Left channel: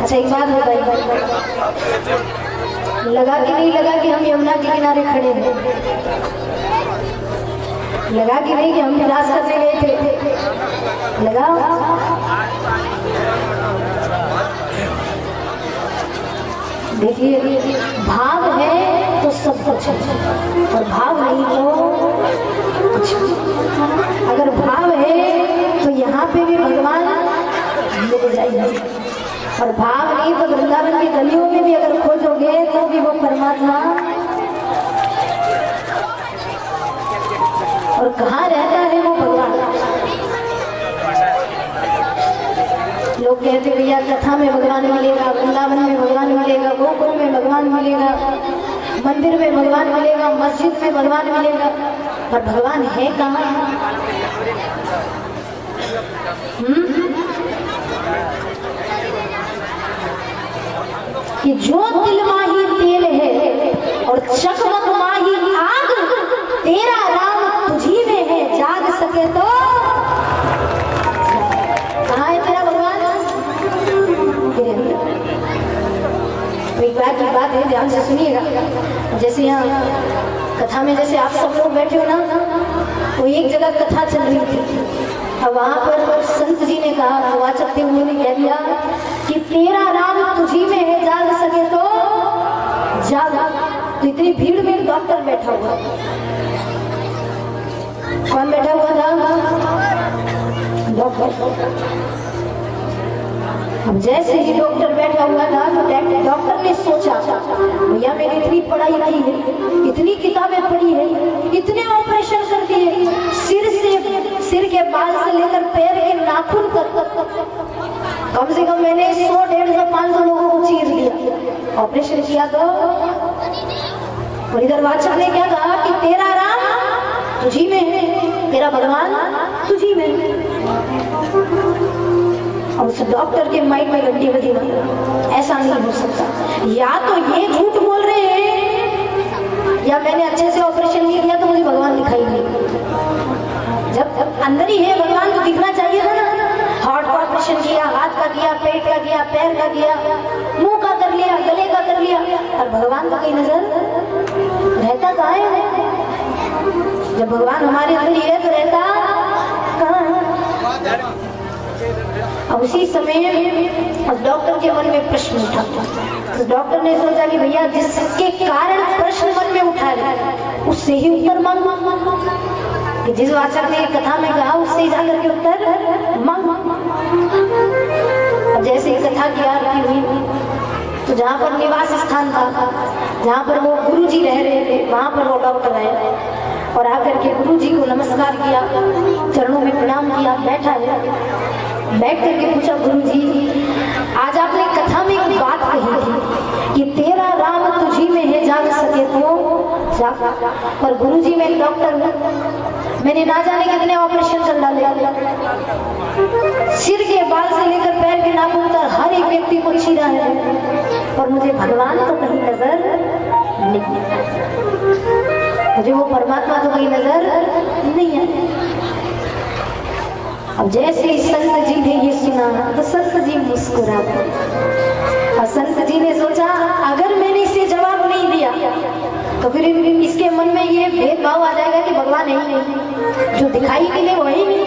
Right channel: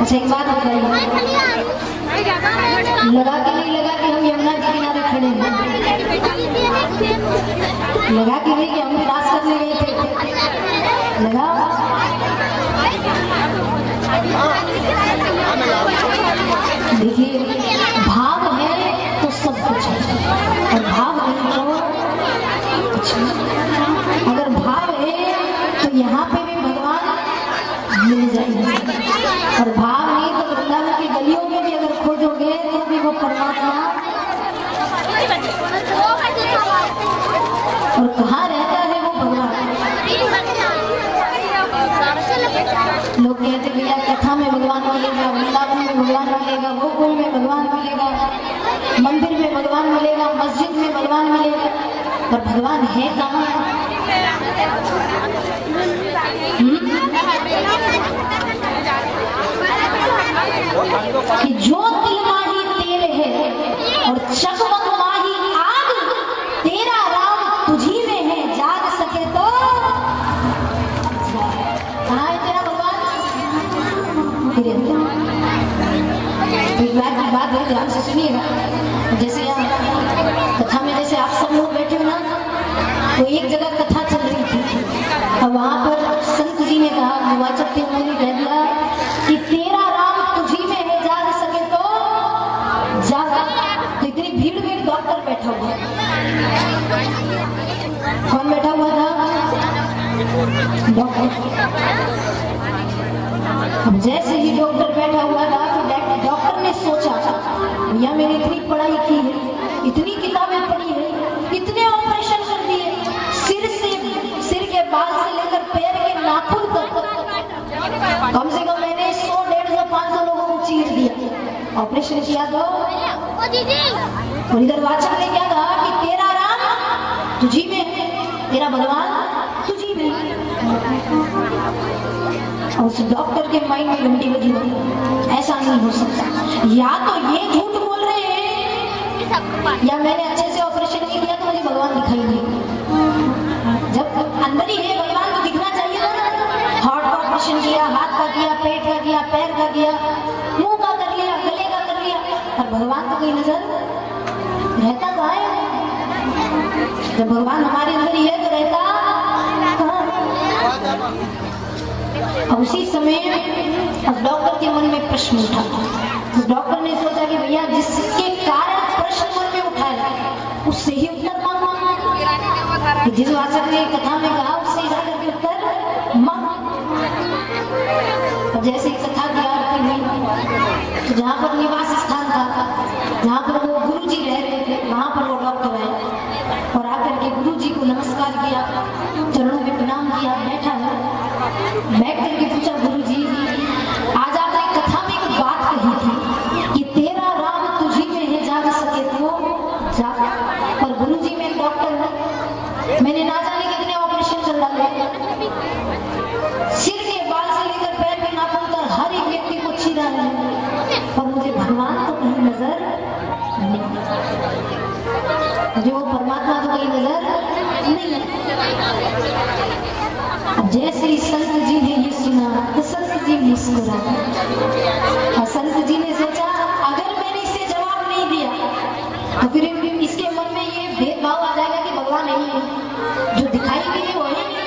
अच्छा एक बात बताइए, लगा कि नहीं लगा कि हम यमुना के किनारे खड़े हैं? लगा कि नहीं कि हम विनाश करने गए थे? लगा? देखिए, भाव है तो सब कुछ है और भाव नहीं तो कुछ नहीं। अगर भाव है तो यहाँ पे भी भगवान मिल जाएंगे और भाव नहीं तो वृंदावन की गलियों में भी अगर खोजोगे तो भी वो परमात्मा। और कहाँ रहता है वो भगवान? लोग कहते भैया कथा में भगवान मिलेगा, वृंदावन में भगवान मिलेगा, गोकुल में भगवान मिलेगा, मंदिर में भगवान मिलेगा, मस्जिद में भगवान मिलेगा, पर भगवान है कहाँ? कि जो दिल माही तेल है और चकमक माही आग, तेरा राम तुझी में है, जाग सके तो। कहाँ है तेरा भगवान? तेरे अंदर। एक बात की बात है, ध्यान से सुनिएगा। जैसे यहाँ कथा में जैसे आप सब लोग बैठे हो ना, तो एक जगह कथा चल रही थी और वहां पर संत जी ने कहा, वाचक थे, उन्होंने कह दिया कि तेरा राम तुझी में है, जाग सके तो जागा। तो इतनी भीड़ में डॉक्टर बैठा हुआ। कौन बैठा हुआ था? डॉक्टर। अब जैसे ही डॉक्टर बैठा हुआ था तो डॉक्टर ने सोचा, भैया मैंने इतनी पढ़ाई की है, इतनी किताबें पढ़ी है, इतने ऑपरेशन कर दिए, सिर के बाल से लेकर पैर के नाखून तक, कम से कम मैंने 100, 150, 500 लोगों को चीर दिया, ऑपरेशन किया। तो और इधर वाचक ने क्या कहा कि तेरा राम तुझी में है, तेरा भगवान तुझी में है। और उस डॉक्टर के माइंड में घंटी बजी, ऐसा नहीं हो सकता, या तो ये झूठ बोल रहे हैं या मैंने अच्छे से ऑपरेशन नहीं किया तो मुझे भगवान दिखाई नहीं। जब अंदर ही है भगवान तो दिखना चाहिए था ना। हार्ट का ऑपरेशन किया, हाथ का किया, पेट का किया, पैर का किया, मुंह का कर लिया, गले का कर लिया, और भगवान को कहीं नजर रहता कहाँ है? जब भगवान हमारे अंदर ही है तो रहता कहाँ है? अब उसी समय उस डॉक्टर के मन में प्रश्न उठा। उस डॉक्टर ने सोचा कि भैया जिसके कारण प्रश्न मन में उठा है उससे ही उत्तर मांग। कि जिस वाचक ने कथा में कहा उससे जाकर के उत्तर मांग। अब जैसे कथा की आरती हुई तो जहाँ पर निवास स्थान था, जहाँ पर वो गुरुजी रह रहे थे, वहाँ पर वो डॉक्टर आए और आकर के गुरुजी को नमस्कार किया, चरणों में प्रणाम किया, बैठा है। बैठ करके पूछा, गुरुजी आज आपने कथा में एक बात कही थी कि तेरा राम तुझी में है, जाग सके तो जाग। और गुरुजी मैं डॉक्टर हूँ, मैंने ना जाने कितने ऑपरेशन कर डाले, सिर के बाल से लेकर पैर के नाखून तक हर एक व्यक्ति को चीरा है, और मुझे भगवान तो कहीं नजर नहीं, मुझे वो परमात्मा तो कहीं नजर नहीं है। अब जैसे ही संत जी ने ये सुना तो संत जी मुस्कुरा गए और संत जी ने सोचा अगर मैंने इसे जवाब नहीं दिया तो फिर इसके मन में ये भेदभाव आ जाएगा कि भगवान है ही नहीं, जो दिखाई मिले वो ही नहीं,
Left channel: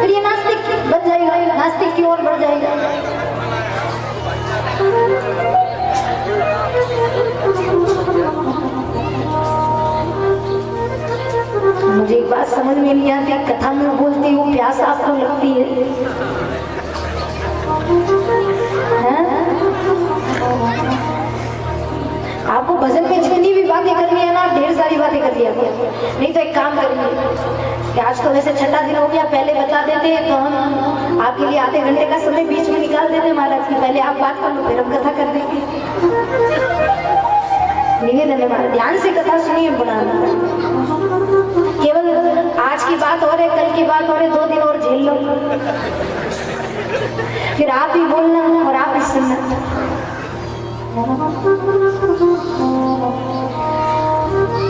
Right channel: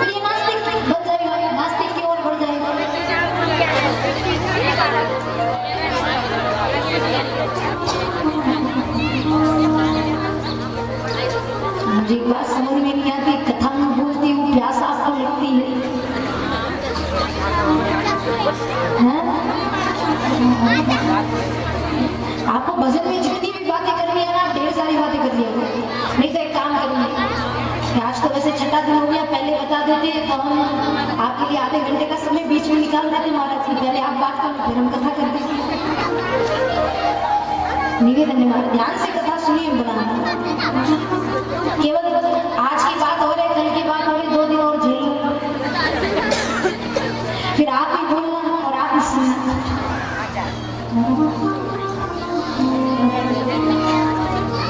फिर ये नास्तिक बन जाएगा, नास्तिक की ओर बढ़ जाएगा। मुझे एक बात समझ में नहीं आती, कथा में बोलती हूँ, प्यास आपको लगती है? लिया करो। नहीं तो एक काम करेंगे कि आज तो वैसे छठा दिन हो गया, पहले बता देते तो हम आपके लिए आधे घंटे का समय बीच में निकाल देते महाराज की, पहले आप बात कर लो फिर हम कथा कर देंगे। निवेदन है महाराज, ध्यान से कथा सुनिए बुना, केवल आज की बात और है, कल की बात और है, 2 दिन और झेल लो, फिर आप ही बोलना और आप ही सुनना।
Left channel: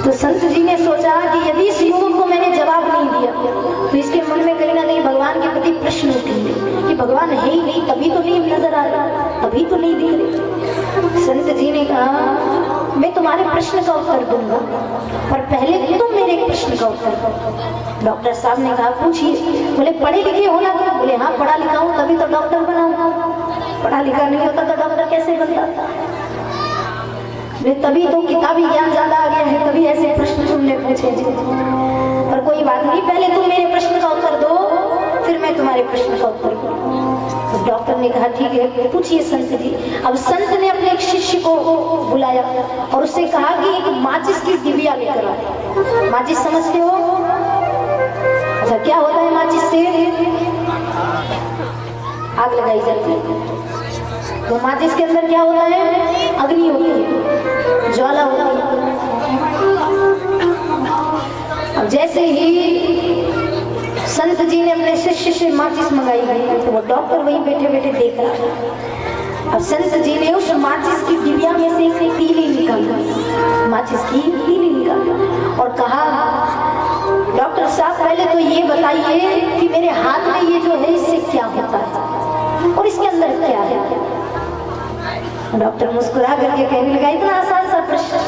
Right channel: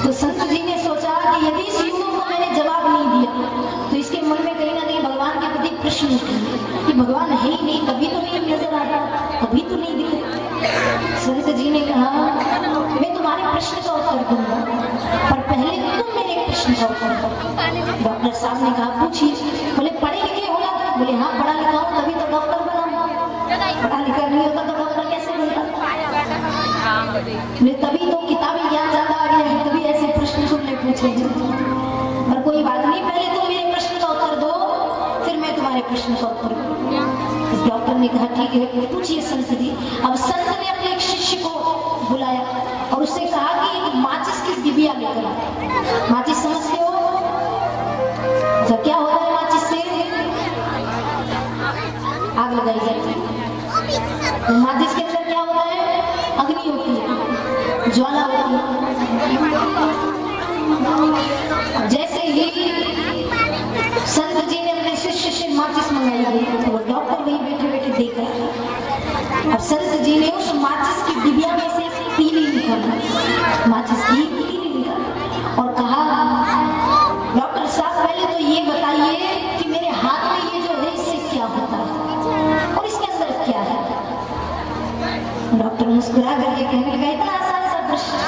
तो संत जी ने सोचा कि यदि इस युवक को मैंने जवाब नहीं दिया तो इसके मन में कहीं ना कहीं भगवान के प्रति प्रश्न उठेंगे कि भगवान है ही नहीं, तभी तो नहीं नजर आ रहा, तभी तो नहीं दिख रहे। संत जी ने कहा मैं तुम्हारे प्रश्न का उत्तर दूंगा, पर पहले तुम मेरे प्रश्न का उत्तर दो। डॉक्टर साहब ने कहा पूछिए। बोले पढ़े लिखे हो ना? बोले हाँ पढ़ा लिखा हूँ, तभी तो डॉक्टर बना हूँ। पढ़ा लिखा नहीं होता तो डॉक्टर कैसे बनता? मैं तभी तो किताबी ज्ञान ज्यादा आ गया है, तभी ऐसे प्रश्न तुमने पूछे। पर कोई बात नहीं, पहले तुम मेरे प्रश्न का उत्तर दो, फिर मैं तुम्हारे प्रश्न का उत्तर दूं। उस डॉक्टर ने कहा ठीक है पूछिए संत जी। अब संत ने अपने एक शिष्य को बुलाया और उससे कहा कि एक माचिस की डिबिया लेकर आओ। माचिस समझते हो? अच्छा क्या होता है माचिस से? आग लगाई जाती है। तो माचिस के अंदर क्या होता है? अग्नि होती है, ज्वाला होती है। जैसे ही संत जी ने अपने शिष्य से माचिस मंगाई गई तो वो डॉक्टर वहीं बैठे बैठे देख रहा था। अब संत जी ने उस माचिस की डिबिया में से एक तीली निकाला, माचिस की तीली निकाला और कहा डॉक्टर साहब पहले तो ये बताइए कि मेरे हाथ में ये जो है इससे क्या होता है और इसके अंदर क्या है? डॉक्टर मुस्कुरा करके कहने लगा इतना आसान सा प्रश्न।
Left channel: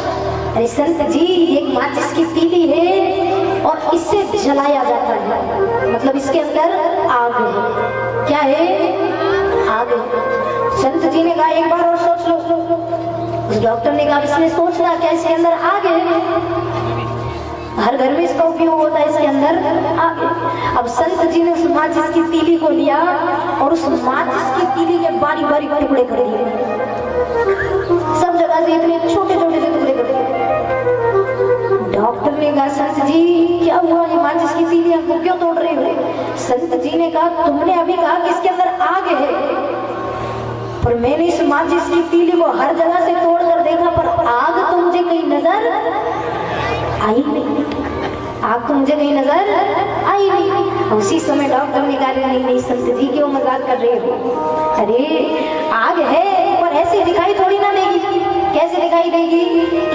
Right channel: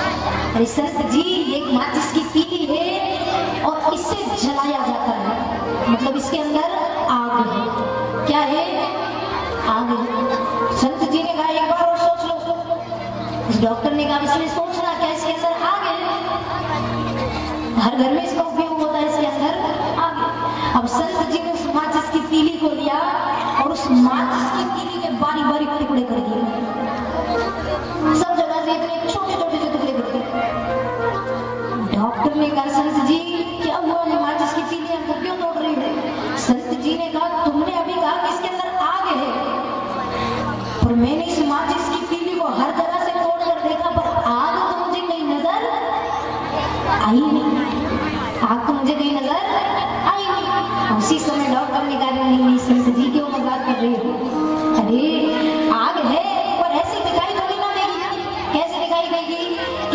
अरे संत जी एक माचिस की तीली है और इससे जलाया जाता है, मतलब इसके अंदर आग है। क्या है? आग है। संत जी ने कहा एक बार और सोच लो। उस डॉक्टर ने कहा इसमें सोचना क्या, इसके अंदर आग है, हर घर में इसका उपयोग होता है, इसके अंदर आग है। अब संत जी ने उस माचिस की तीली को लिया और उस माचिस की तीली के बारी बारी टुकड़े कर दिए, सब जगह से इतने छोटे छोटे से टुकड़े कर दिए। डॉक्टर ने कहा संत जी क्या हुआ, ये माचिस की तीली आपको क्यों तोड़ रही हो? संत जी ने कहा तुमने अभी कहा कि इसके अंदर आग है, पर मैंने इस माचिस की तीली को हर जगह से तोड़ कर देखा पर आग तो मुझे कहीं नजर आई नहीं, आग तो मुझे कहीं नजर आई नहीं। उसी समय डॉक्टर ने कहा नहीं संत जी क्यों मजाक कर रहे हो? अरे आग है पर ऐसी दिखाई थोड़ी ना देगी। कैसे दिखाई देगी?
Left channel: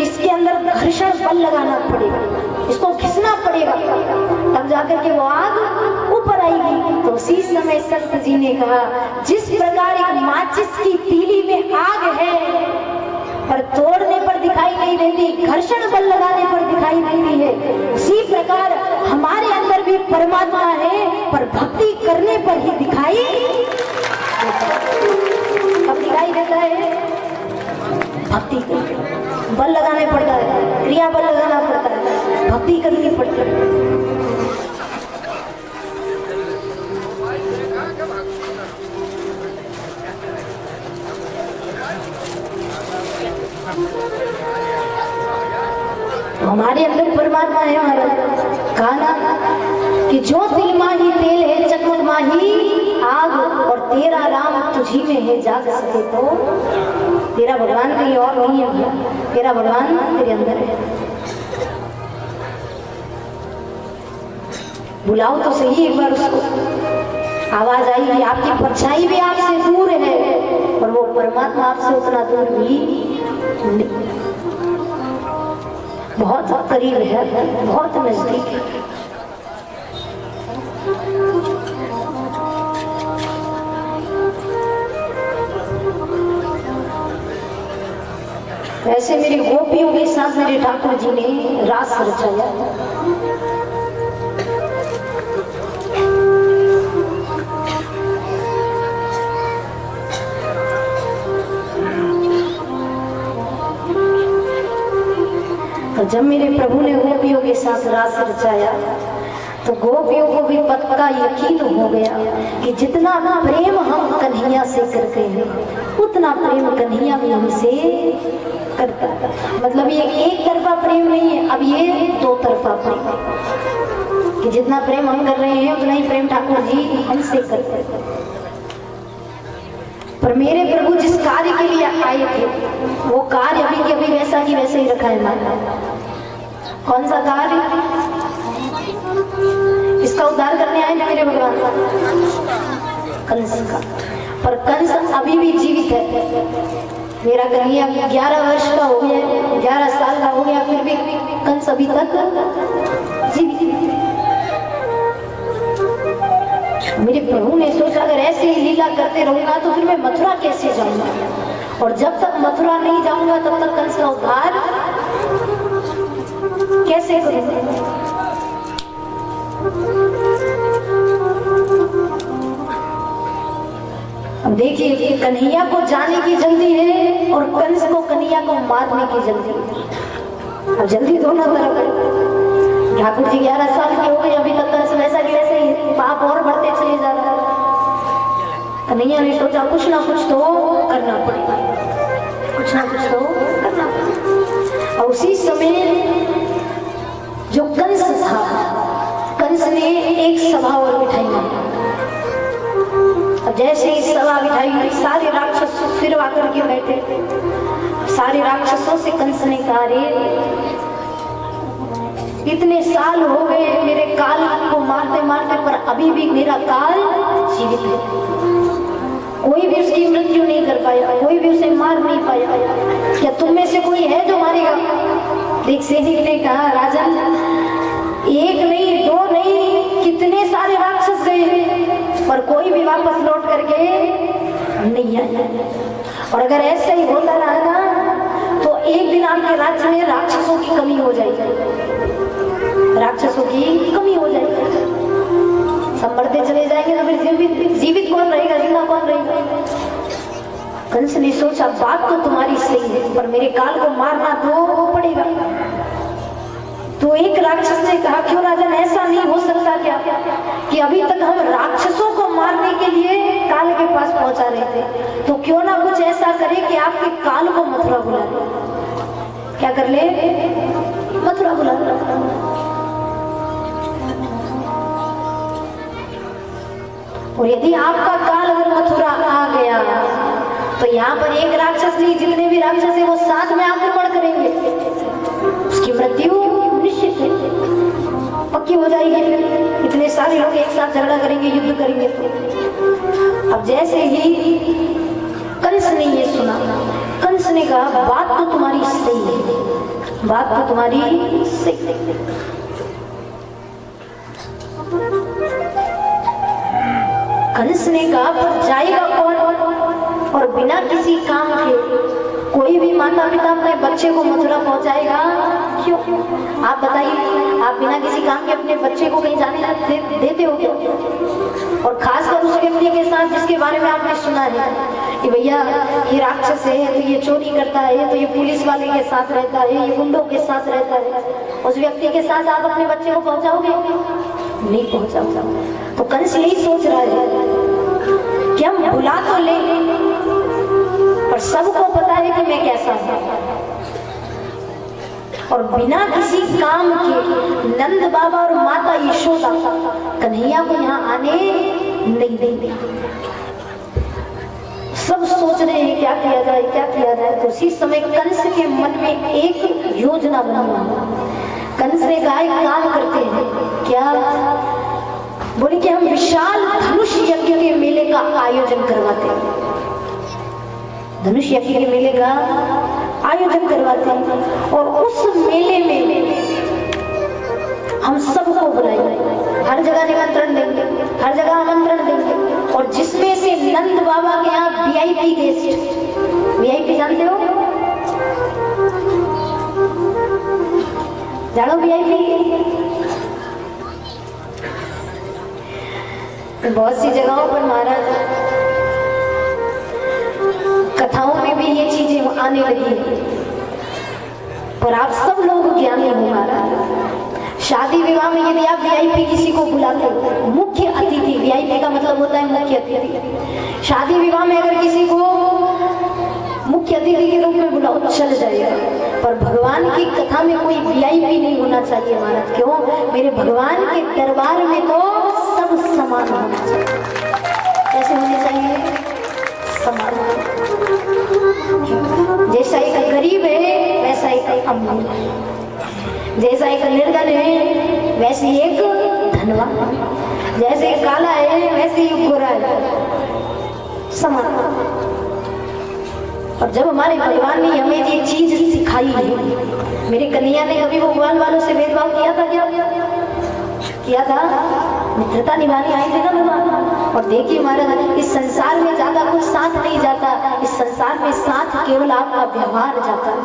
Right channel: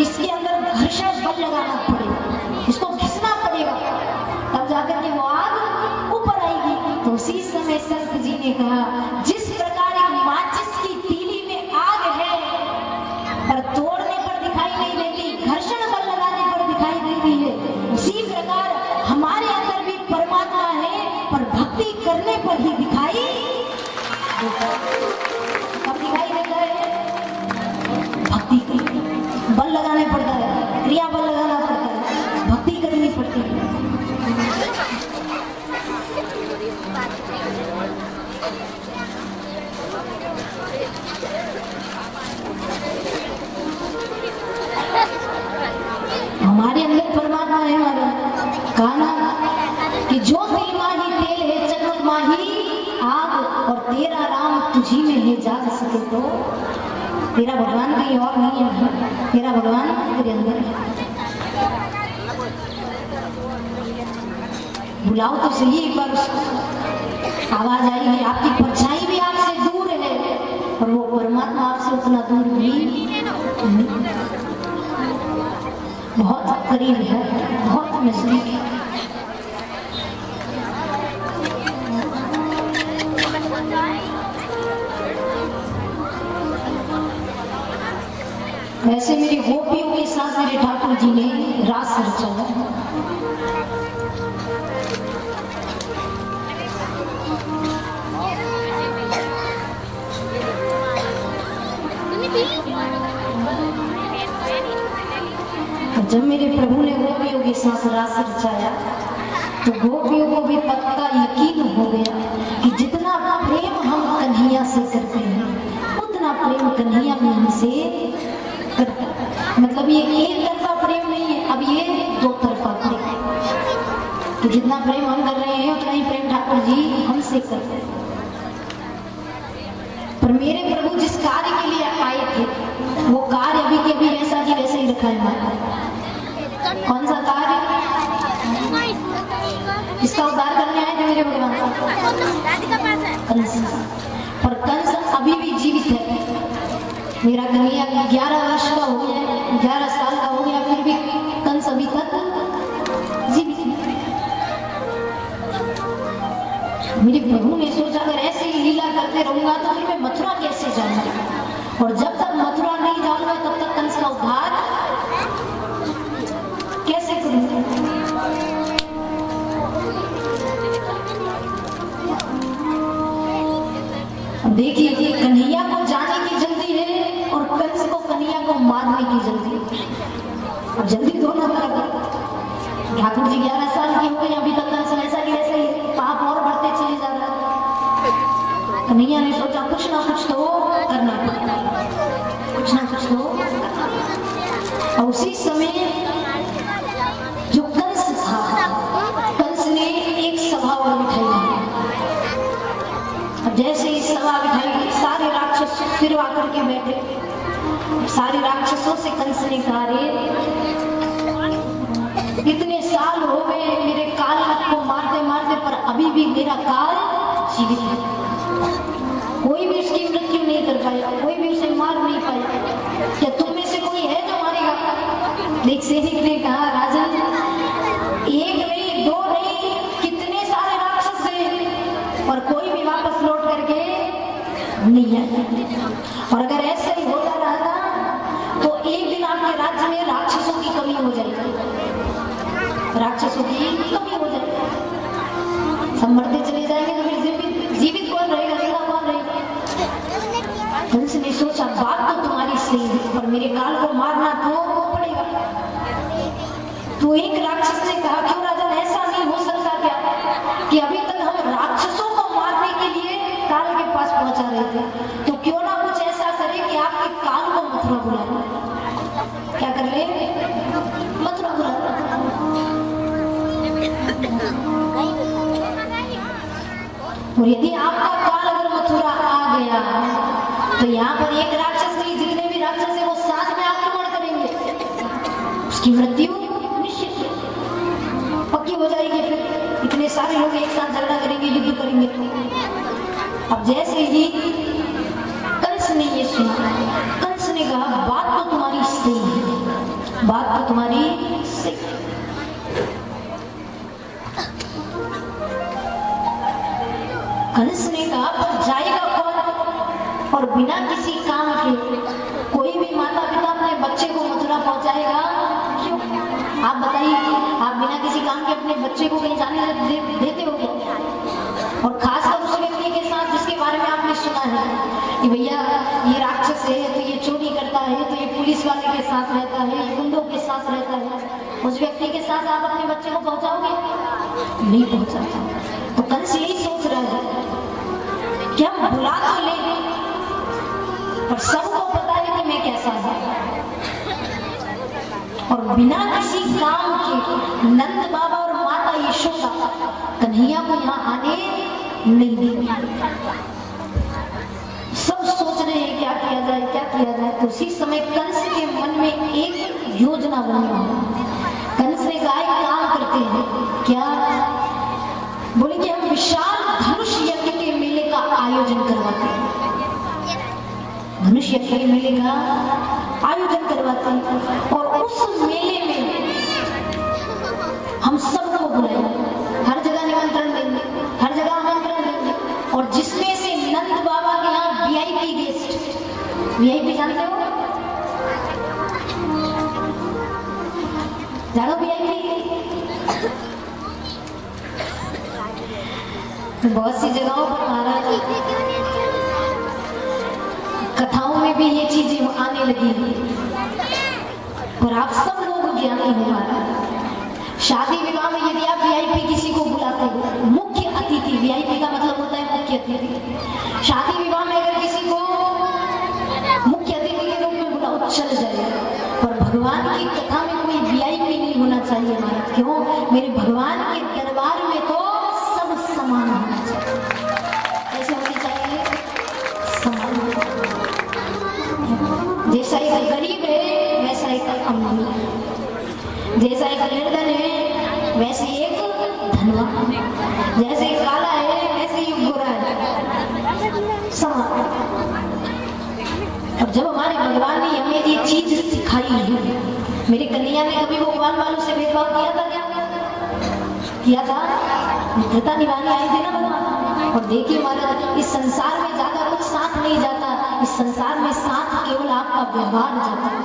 इसके अंदर घर्षण बल लगाना पड़ेगा, इसको घिसना पड़ेगा, तब जाकर के वो आग ऊपर आएगी। तो उसी समय संत जी ने कहा जिस प्रकार एक माचिस की तीली में आग है पर तोड़ने पर दिखाई नहीं देती, घर्षण बल लगाने पर दिखाई देती है, उसी प्रकार हमारे अंदर भी परमात्मा है पर भक्ति करने पर ही दिखाई अब दिखाई देता है। भक्ति बल लगाने पड़ता है, क्रिया बल लगाना पड़ता है, भक्ति करनी पड़ती है। हमारे अंदर परमात्मा है हमारा। कहा ना कि जो दिल माही तेल है चकमक माही आग, और तेरा राम तुझी में है जाग सके तो। तेरा भगवान कहीं और नहीं है, तेरा भगवान तेरे अंदर है। बुलाओ तो सही एक बार उसको, आवाज आएगी। आपकी परछाई भी आपसे दूर है और वो परमात्मा आपसे उतना दूर भी नहीं, बहुत करीब है, बहुत नजदीक है। वैसे मेरी गोपियों के साथ मेरे ठाकुर जी ने रास रचाया। और जब मेरे प्रभु ने गोपियों के साथ रास रचाया तो गोपियों को भी पक्का यकीन हो गया कि जितना प्रेम हम कन्हैया से करते हैं उतना प्रेम कन्हैया भी हमसे करता। मतलब ये एक तरफा प्रेम नहीं है, अब ये दो तरफा प्रेम है कि जितना प्रेम हम कर रहे हैं उतना ही प्रेम ठाकुर जी हमसे करते हैं। पर मेरे प्रभु जिस कार्य के लिए आए थे वो कार्य अभी के अभी वैसा की वैसे ही रखा है हमारा। कौन सा कार्य? इसका उद्धार करने आए ना मेरे भगवान का, कंस का। पर कंस अभी भी जीवित है। मेरा कन्हैया 11 वर्ष का हो गया, 11 साल का हो गया, फिर भी कंस अभी तक जीवित है। मेरे प्रभु ने सोचा अगर ऐसे ही लीला करते रहूंगा तो फिर मैं मथुरा कैसे जाऊंगा, और जब तक मथुरा नहीं जाऊंगा तब तक कंस का उद्धार कैसे करूंगा। अब देखिए, कन्हैया को जाने की जल्दी है और कंस को कन्हैया को मारने की जल्दी है। अब जल्दी दोनों तरफ है। ठाकुर जी 11 साल के हो गए, अभी तक कंस वैसा की वैसे ही, पाप और बढ़ते चले जा रहा है। कन्हैया ने सोचा कुछ ना कुछ तो करना पड़ेगा, कुछ ना कुछ तो करना पड़ेगा। और उसी समय जो कंस था, कंस ने एक सभा और बिठाई। जैसे ही सभा बिठाई सारे राक्षस फिर आकर के बैठे। सारे राक्षसों से कंस ने कहा, रे इतने साल हो गए मेरे काल को मारते मारते, पर अभी भी मेरा काल जीवित है। कोई भी उसकी मृत्यु नहीं कर पाया, कोई भी उसे मार नहीं पाया। क्या तुम में से कोई है जो मारेगा? एक सैनिक ने कहा, राजन एक नहीं, दो नहीं, कितने सारे राक्षस गए पर कोई भी वापस लौट करके नहीं आया। और अगर ऐसा ही होता रहा ना तो एक दिन आपके राज्य में राक्षसों की कमी हो जाएगी, राक्षसों की कमी हो जाएगी। सब मरते चले जाएंगे तो फिर जीवित कौन रहेगा, जिंदा कौन रहेगा? कंस ने सोचा बात तो तुम्हारी सही है, पर मेरे काल को मारना तो पड़ेगा। तो एक राक्षस ने कहा, क्यों राजन, ऐसा नहीं हो सकता क्या कि अभी तक हम राक्षसों को मारने के लिए काल के पास पहुंचा रहे थे, तो क्यों ना कुछ ऐसा करे कि आपके काल को मथुरा बुला ले। क्या कर ले? मथुरा बुला ले। और यदि आपका काल अगर मथुरा आ गया तो यहाँ पर एक राक्षस नहीं, जितने भी राक्षस है वो साथ में आक्रमण करेंगे, उसकी मृत्यु निश्चित है, पक्की हो जाएगी। फिर इतने सारे लोग एक साथ झगड़ा करेंगे, युद्ध करेंगे। अब जैसे ही कंस ने ये सुना, कंस ने कहा बात तो तुम्हारी सही है, बात तो तुम्हारी सही है। कंस ने कहा पर जाएगा कौन? और बिना किसी काम के कोई भी माता पिता अपने बच्चे को मथुरा पहुंचाएगा? क्यों? आप बताइए, आप बिना किसी काम के अपने बच्चे को कहीं जाने देते हो क्या? और खासकर उस व्यक्ति के साथ जिसके बारे में आपने सुना है कि भैया ये राक्षस है, तो ये चोरी करता है, तो ये पुलिस वाले के साथ रहता है, ये गुंडों के साथ रहता है, उस व्यक्ति के साथ आप अपने बच्चे को पहुंचाओगे? नहीं पहुंचाओगे। तो कंस यही सोच रहा है कि हम बुला तो ले, पर सबको पता है कि मैं कैसा हूं, और बिना किसी काम के नंद बाबा और माता यशोदा कन्हैया को यहाँ आने नहीं देंगे। सब सोच रहे हैं क्या किया जाए, क्या किया जाए। तो उसी समय कंस के मन में एक योजना बनी। कंस ने कहा एक काम करते हैं, क्या? बोले कि हम विशाल धनुष यज्ञ के मेले का आयोजन करवाते हैं, धनुष यज्ञ के मेले का आयोजन करवाते हैं, और उस मेले में हम सबको बुलाएंगे, हर जगह निमंत्रण देंगे, हर जगह आमंत्रण देंगे, और जिसमें से नंद बाबा के यहाँ वीआईपी गेस्ट, वीआईपी जानते हो? जानो वीआईपी? बहुत सी जगहों पर महाराज कथाओं में भी ये चीजें आने लगी है, पर आप सब लोग ज्ञानी हो महाराज। शादी विवाह में यदि आप वीआईपी किसी को बुलाते हो, मुख्य अतिथि, वीआईपी का मतलब होता है मुख्य अतिथि। शादी विवाह में अगर किसी को मुख्य अतिथि के रूप में बुलाओ चल जाएगा, पर भगवान की कथा में कोई वीआईपी नहीं होना चाहिए महाराज। क्यों? मेरे भगवान के दरबार में तो सब समान होना चाहिए। कैसे होने चाहिए? समान। जैसा एक गरीब है वैसा एक अमीर है, जैसा एक निर्धन है वैसे एक धनवान, जैसे काला है वैसे ही गोरा है, समान। और जब हमारे भगवान ने हमें ये चीज सिखाई है, मेरे कन्हैया ने कभी भगवान वालों से भेदभाव किया था? क्या किया था? मित्रता निभाने आए थे ना भगवान। और देखिए महाराज, इस संसार में ज्यादा कुछ साथ नहीं जाता, इस संसार में साथ केवल आपका व्यवहार जाता है।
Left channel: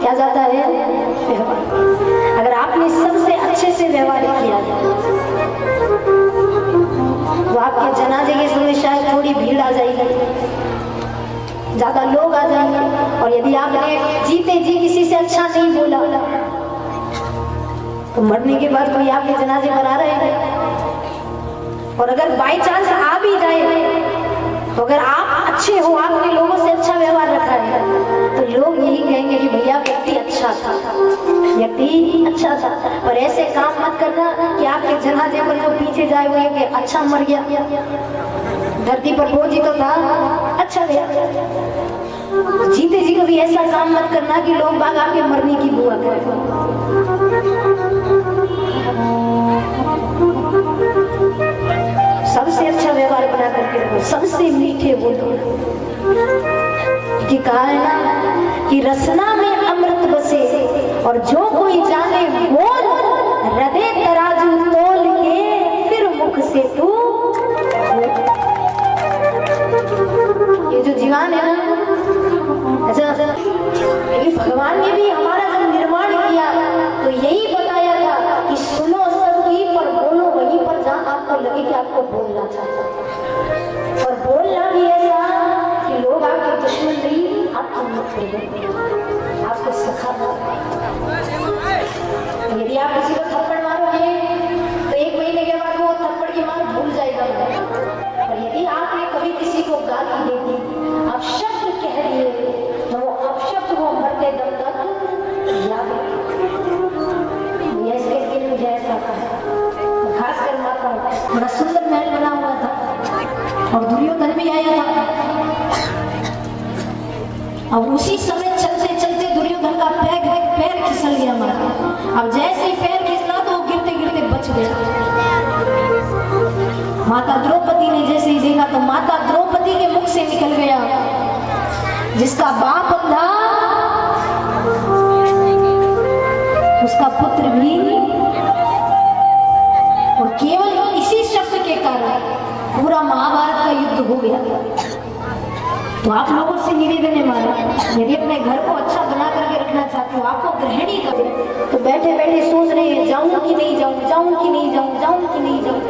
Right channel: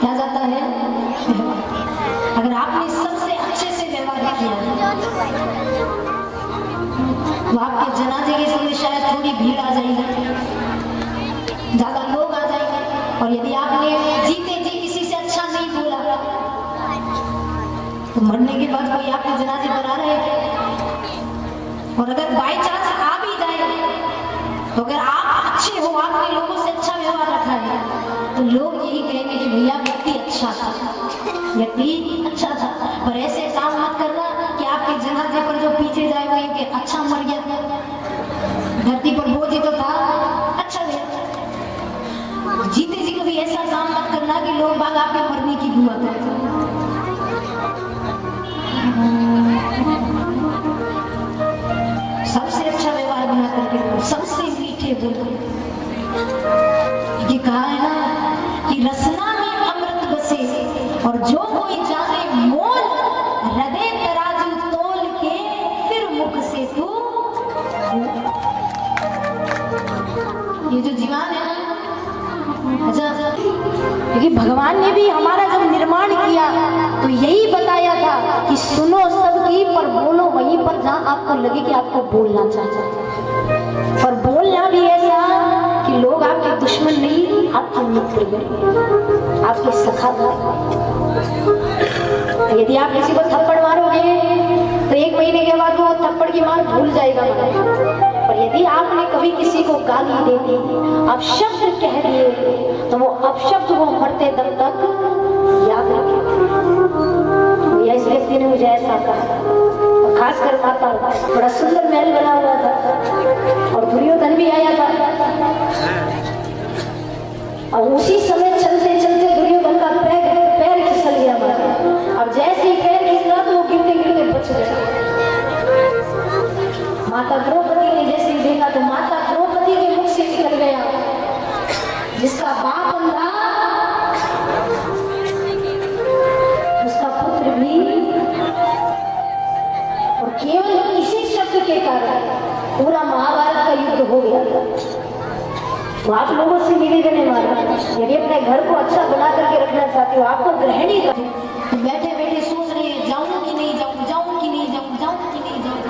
क्या जाता है? व्यवहार। अगर आपने सबसे अच्छे से व्यवहार किया तो आपके जनाजे के समय शायद थोड़ी भीड़ आ जाएगी, ज्यादा लोग आ जाएंगे। और यदि आपने जीते जी किसी से अच्छा नहीं बोला तो मरने के बाद कोई आपके जनाजे पर आ रहे हैं। और अगर बाई चांस आ भी जाए तो अगर आप अच्छे हो, आपने लोगों से अच्छा व्यवहार रखा है, तो लोग यही कहेंगे कि भैया व्यक्ति अच्छा था, व्यक्ति अच्छा था। पर ऐसे काम मत करना कि आपके जनाजे पर जो पीछे जाए वो ये कि अच्छा मर गया, धरती पर बोझ ही तो था, अच्छा गया। जीते जी कभी ऐसा काम मत करना कि लोग बाग आपके मरने की दुआ करें। सबसे अच्छा व्यवहार बना करके रखो, सबसे मीठे बोलो। कि कहा है ना कि रसना में अमृत बसे, और जो कोई जाने मोल, हृदय तराजू तोल के फिर मुख से तू। ये जो जीवन है ना, अच्छा, क्योंकि भगवान ने भी हमारा जब निर्माण किया तो यही बताया था कि सुनो सबकी पर बोलो वहीं पर जहाँ आपको लगे कि आपको बोलना चाहिए। और बोलना भी ऐसा कि लोग आपके दुश्मन नहीं, आपके मित्र, आपके सखा। यदि आप किसी को थप्पड़ मारोगे तो 1 महीने के बाद वो थप्पड़ की मार भूल जाएगा। और यदि आपने कभी किसी को गाली दे दी, आप शब्द कह दिए, तो वो अपशब्द वो मरते दम तक याद रखें। इस व्यक्ति ने मुझे ऐसा कहा। खासकर माता, बड़ा सुंदर महल बना हुआ था और दुर्योधन भी आया था। और उसी समय चलते चलते दुर्योधन का पैर फिसल गया माता। अब जैसे ही पैर फिसला तो वो गिरते गिरते बच गया। माता द्रौपदी ने जैसे ही देखा तो माता द्रौपदी के मुख से निकल गया, जिसका बाप अंधा उसका पुत्र भी। और केवल इसी शब्द के कारण पूरा महाभारत का युद्ध हो गया। तो आप लोगों से निवेदन है मारा, यदि अपने घर को अच्छा बना करके रखना चाहते हो, आपको गृहिणी हो तो बैठे बैठे सोच रहे हैं जाऊं कि नहीं जाऊं, जाऊं कि नहीं जाऊं, जाऊं कि नहीं जाऊं।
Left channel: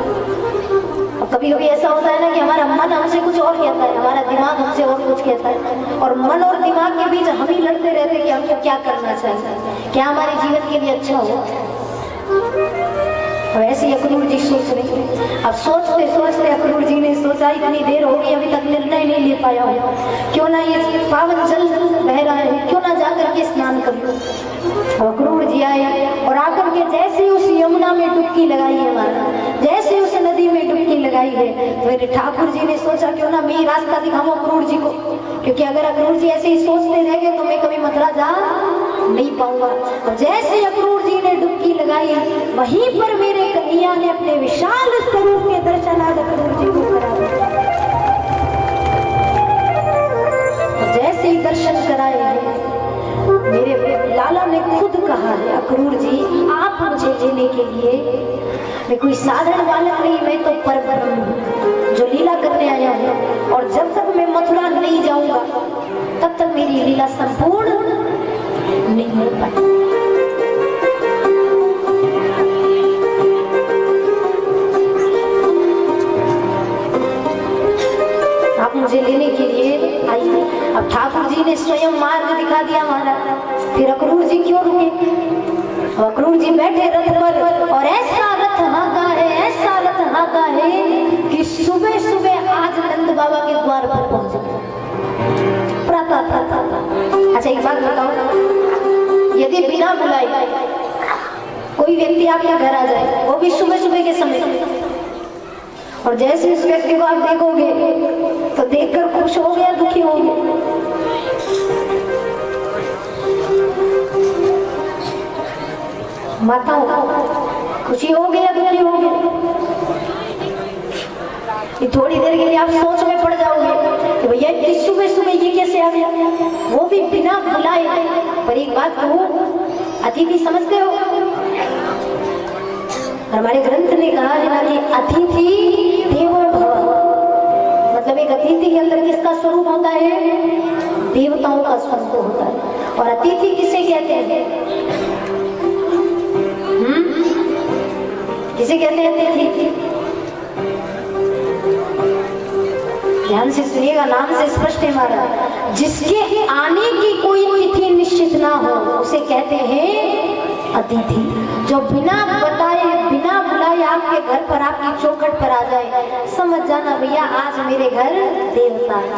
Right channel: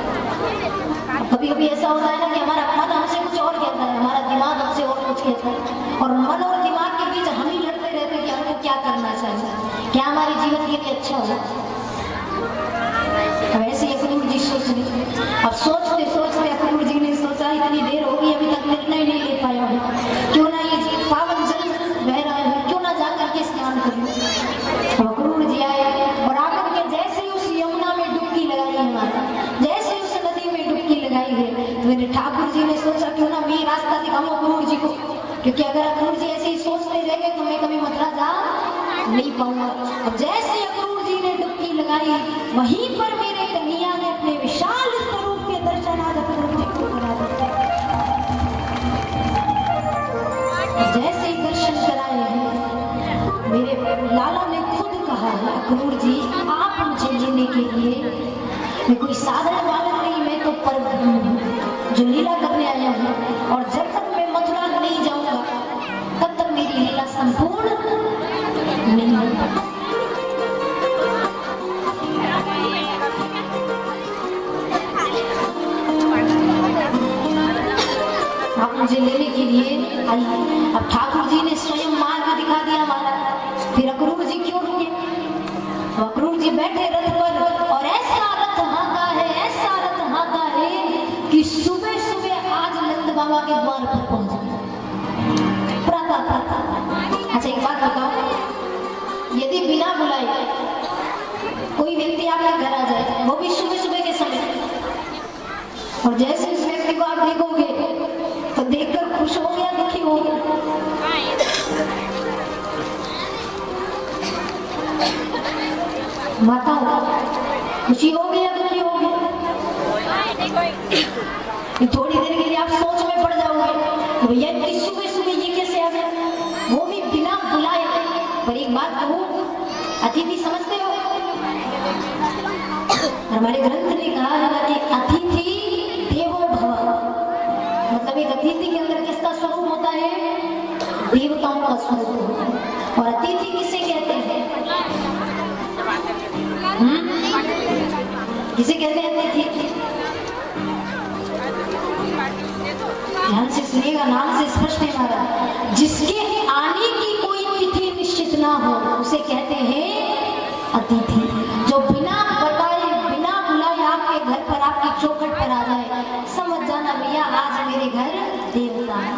कभी कभी ऐसा होता है ना कि हमारा मन हमसे कुछ और कहता है, हमारा दिमाग हमसे और कुछ कहता है, और मन और दिमाग के बीच हम ही लड़ते रहते हैं कि हमको क्या करना चाहिए, क्या हमारे जीवन के लिए अच्छा हो। अब ऐसे ही अक्रूर जी सोच रहे। अब सोचते सोचते अक्रूर जी ने सोचा इतनी देर हो गई अभी तक निर्णय नहीं ले पाया हूँ, क्यों ना ये पावन जल बह रहा है, क्यों ना जाकर के स्नान कर लूं। अक्रूर जी आए और आकर के जैसे उस यमुना में डुबकी लगाई है माता, जैसे उस नदी में डुबकी लगाई है, तो मेरे ठाकुर जी ने सोचा क्यों ना मैं रास्ता दिखाऊं अक्रूर जी को, क्योंकि अगर अक्रूर जी ऐसे ही सोचते रह गए तो मैं कभी मथुरा जा नहीं पाऊंगा। और जैसे अक्रूर जी ने डुबकी लगाई वहीं पर मेरे कन्हैया ने अपने विशाल स्वरूप के दर्शन आज अक्रूर जी को करा दिए। जैसे ही दर्शन कराए हैं, मेरे लाला ने खुद कहा है अक्रूर जी आप मुझे लेने के लिए, मैं कोई साधारण बालक नहीं, मैं तो परब्रह्म हूं जो लीला करने आया हूं, और जब तक मैं मथुरा नहीं जाऊंगा तब तक मेरी लीला संपूर्ण नहीं हो पाती। आप मुझे लेने के लिए आइए। अब ठाकुर जी ने स्वयं मार्ग दिखा दिया हमारा, फिर अक्रूर जी क्यों रुके? अक्रूर जी बैठे रथ पर, और ऐसा रथ हाँका है, ऐसा रथ हाँका है कि सुबह सुबह आज नंद बाबा के द्वार पर पहुंच गए। प्रातः। अच्छा एक बात बताओ, बिना बुलाए कोई व्यक्ति आपके घर आ जाए, वो भी सुबह सुबह के समय, और जैसे इस व्यक्ति को आप देखोगे तो देखकर खुश हो गया, दुखी हो गया? माताओं, खुशी हो गई या दुखी हो गई? ये थोड़ी देर के लिए आप सोच में पड़ जाओगे कि भैया इतनी सुबह सुबह ये कैसे आ गया, वो भी बिना बुलाए। पर एक बात कहूं, अतिथि समझते हो? हमारे ग्रंथ ने कहा है ना कि अतिथि देवो भव, मतलब एक अतिथि के अंदर किसका स्वरूप होता है? देवताओं का स्वरूप होता है। और अतिथि किसे कहते हैं? किसे कहते हैं अतिथि? ध्यान से सुनिएगा, नाम से स्पष्ट है हमारा। जिसके आने की कोई तिथि निश्चित ना हो उसे कहते हैं अतिथि। जो बिना बताए बिना बुलाए आपके घर पर, आपकी चौखट पर आ जाए, समझ जाना भैया आज मेरे घर देवता है।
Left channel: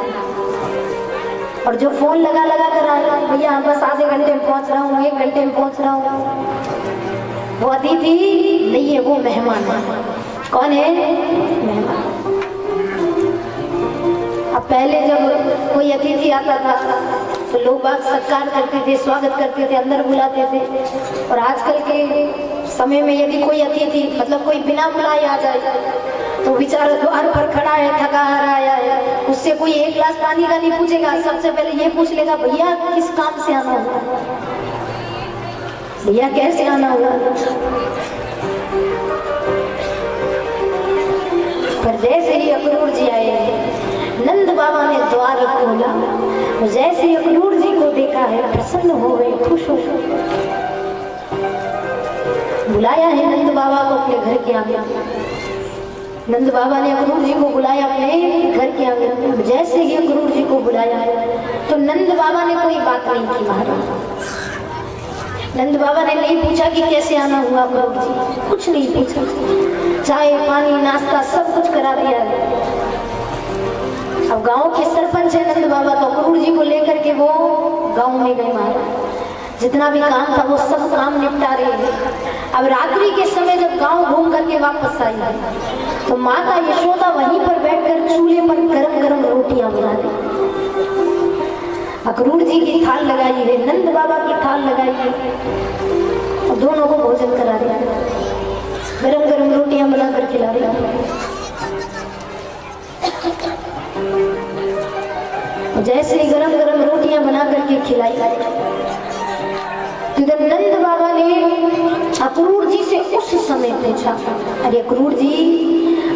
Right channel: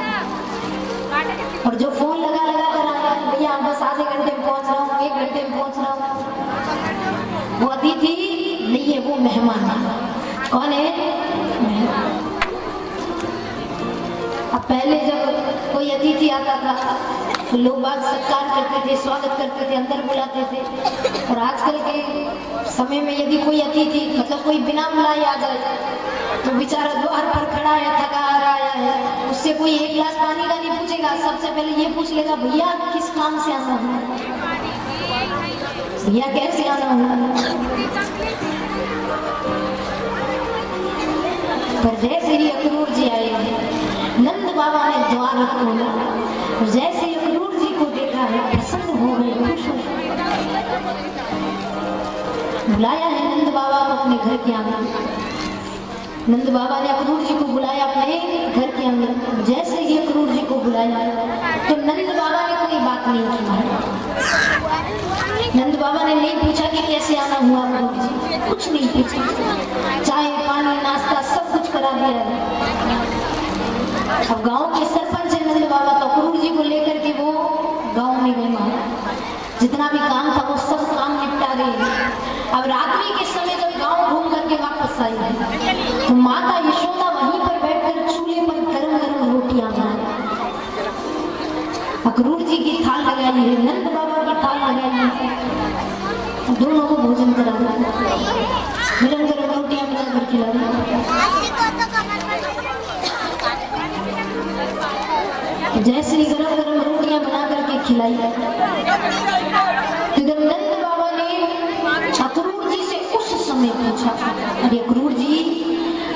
और जो फोन लगा लगा कर आए, भैया बस आधे घंटे में पहुंच रहा हूँ, 1 घंटे में पहुंच रहा हूँ, वो अतिथि नहीं है, वो मेहमान है। कौन है? मेहमान। अब पहले जब कोई अतिथि आता था तो लोग बाग सत्कार करते थे, स्वागत करते थे, अंदर बुलाते थे। और आजकल के समय में यदि कोई अतिथि, मतलब कोई बिना बुलाए आ जाए, तो बेचारा द्वार पर खड़ा है, थका हारा आया है, उससे कोई 1 गिलास पानी का नहीं पूछेगा, सबसे पहले ये पूछ लेगा भैया किस काम से आना हुआ, भैया कैसे आना हुआ। पर जैसे ही अक्रूर जी आए, नंद बाबा ने द्वार खोला, जैसे ही अक्रूर जी को देखा है प्रसन्न हो गए, खुश हो गए। बुलाया है नंद बाबा को अपने घर के आंगन। नंद बाबा ने अक्रूर जी को बुलाया अपने घर के आंगन। जैसे ही अक्रूर जी को बुलाया तो नंद बाबा ने कोई बात नहीं की महाराज। नंद बाबा ने नहीं पूछा कि कैसे आना हुआ अक्रूर जी, कुछ नहीं पूछा। चाय पानी नाश्ता सब कुछ करा दिया है। अब गांव के सरपंच है नंद बाबा, तो अक्रूर जी को लेकर के वो गांव में गए महाराज। जितना भी काम था वो सब काम निपटा रहे हैं। अब रात्रि के समय जब गांव घूम करके वापस आई तो माता यशोदा वहीं पर बैठकर चूल्हे पर गरम गरम रोटियां बना रही। अक्रूर जी की थाल लगाई है, नंद बाबा की थाल लगाई है, तो दोनों को भोजन करा रहे, गरम गरम रोटियां बनाकर खिला रहे। जैसे ही गरम गरम रोटियां बना करके खिलाई तो नंद बाबा ने अक्रूर जी से उस समय पूछा, अरे अक्रूर जी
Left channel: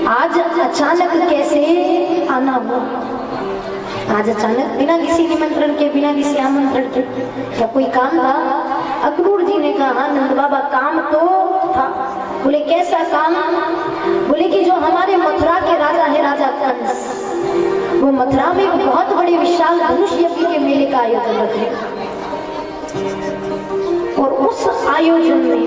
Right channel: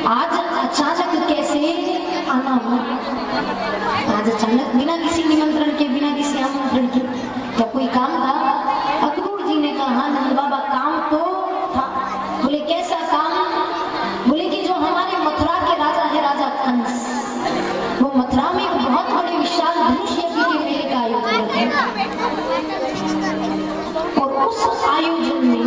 आज अचानक कैसे आना हुआ? आज अचानक बिना किसी निमंत्रण के, बिना किसी आमंत्रण के, क्या कोई काम था? अक्रूर जी ने कहा हाँ नंद बाबा काम तो था। बोले कैसा काम? बोले कि जो हमारे मथुरा के राजा है, राजा कंस, वो मथुरा में एक बहुत बड़े विशाल धनुष यज्ञ के मेले का आयोजन रखे, और उस आयोजन में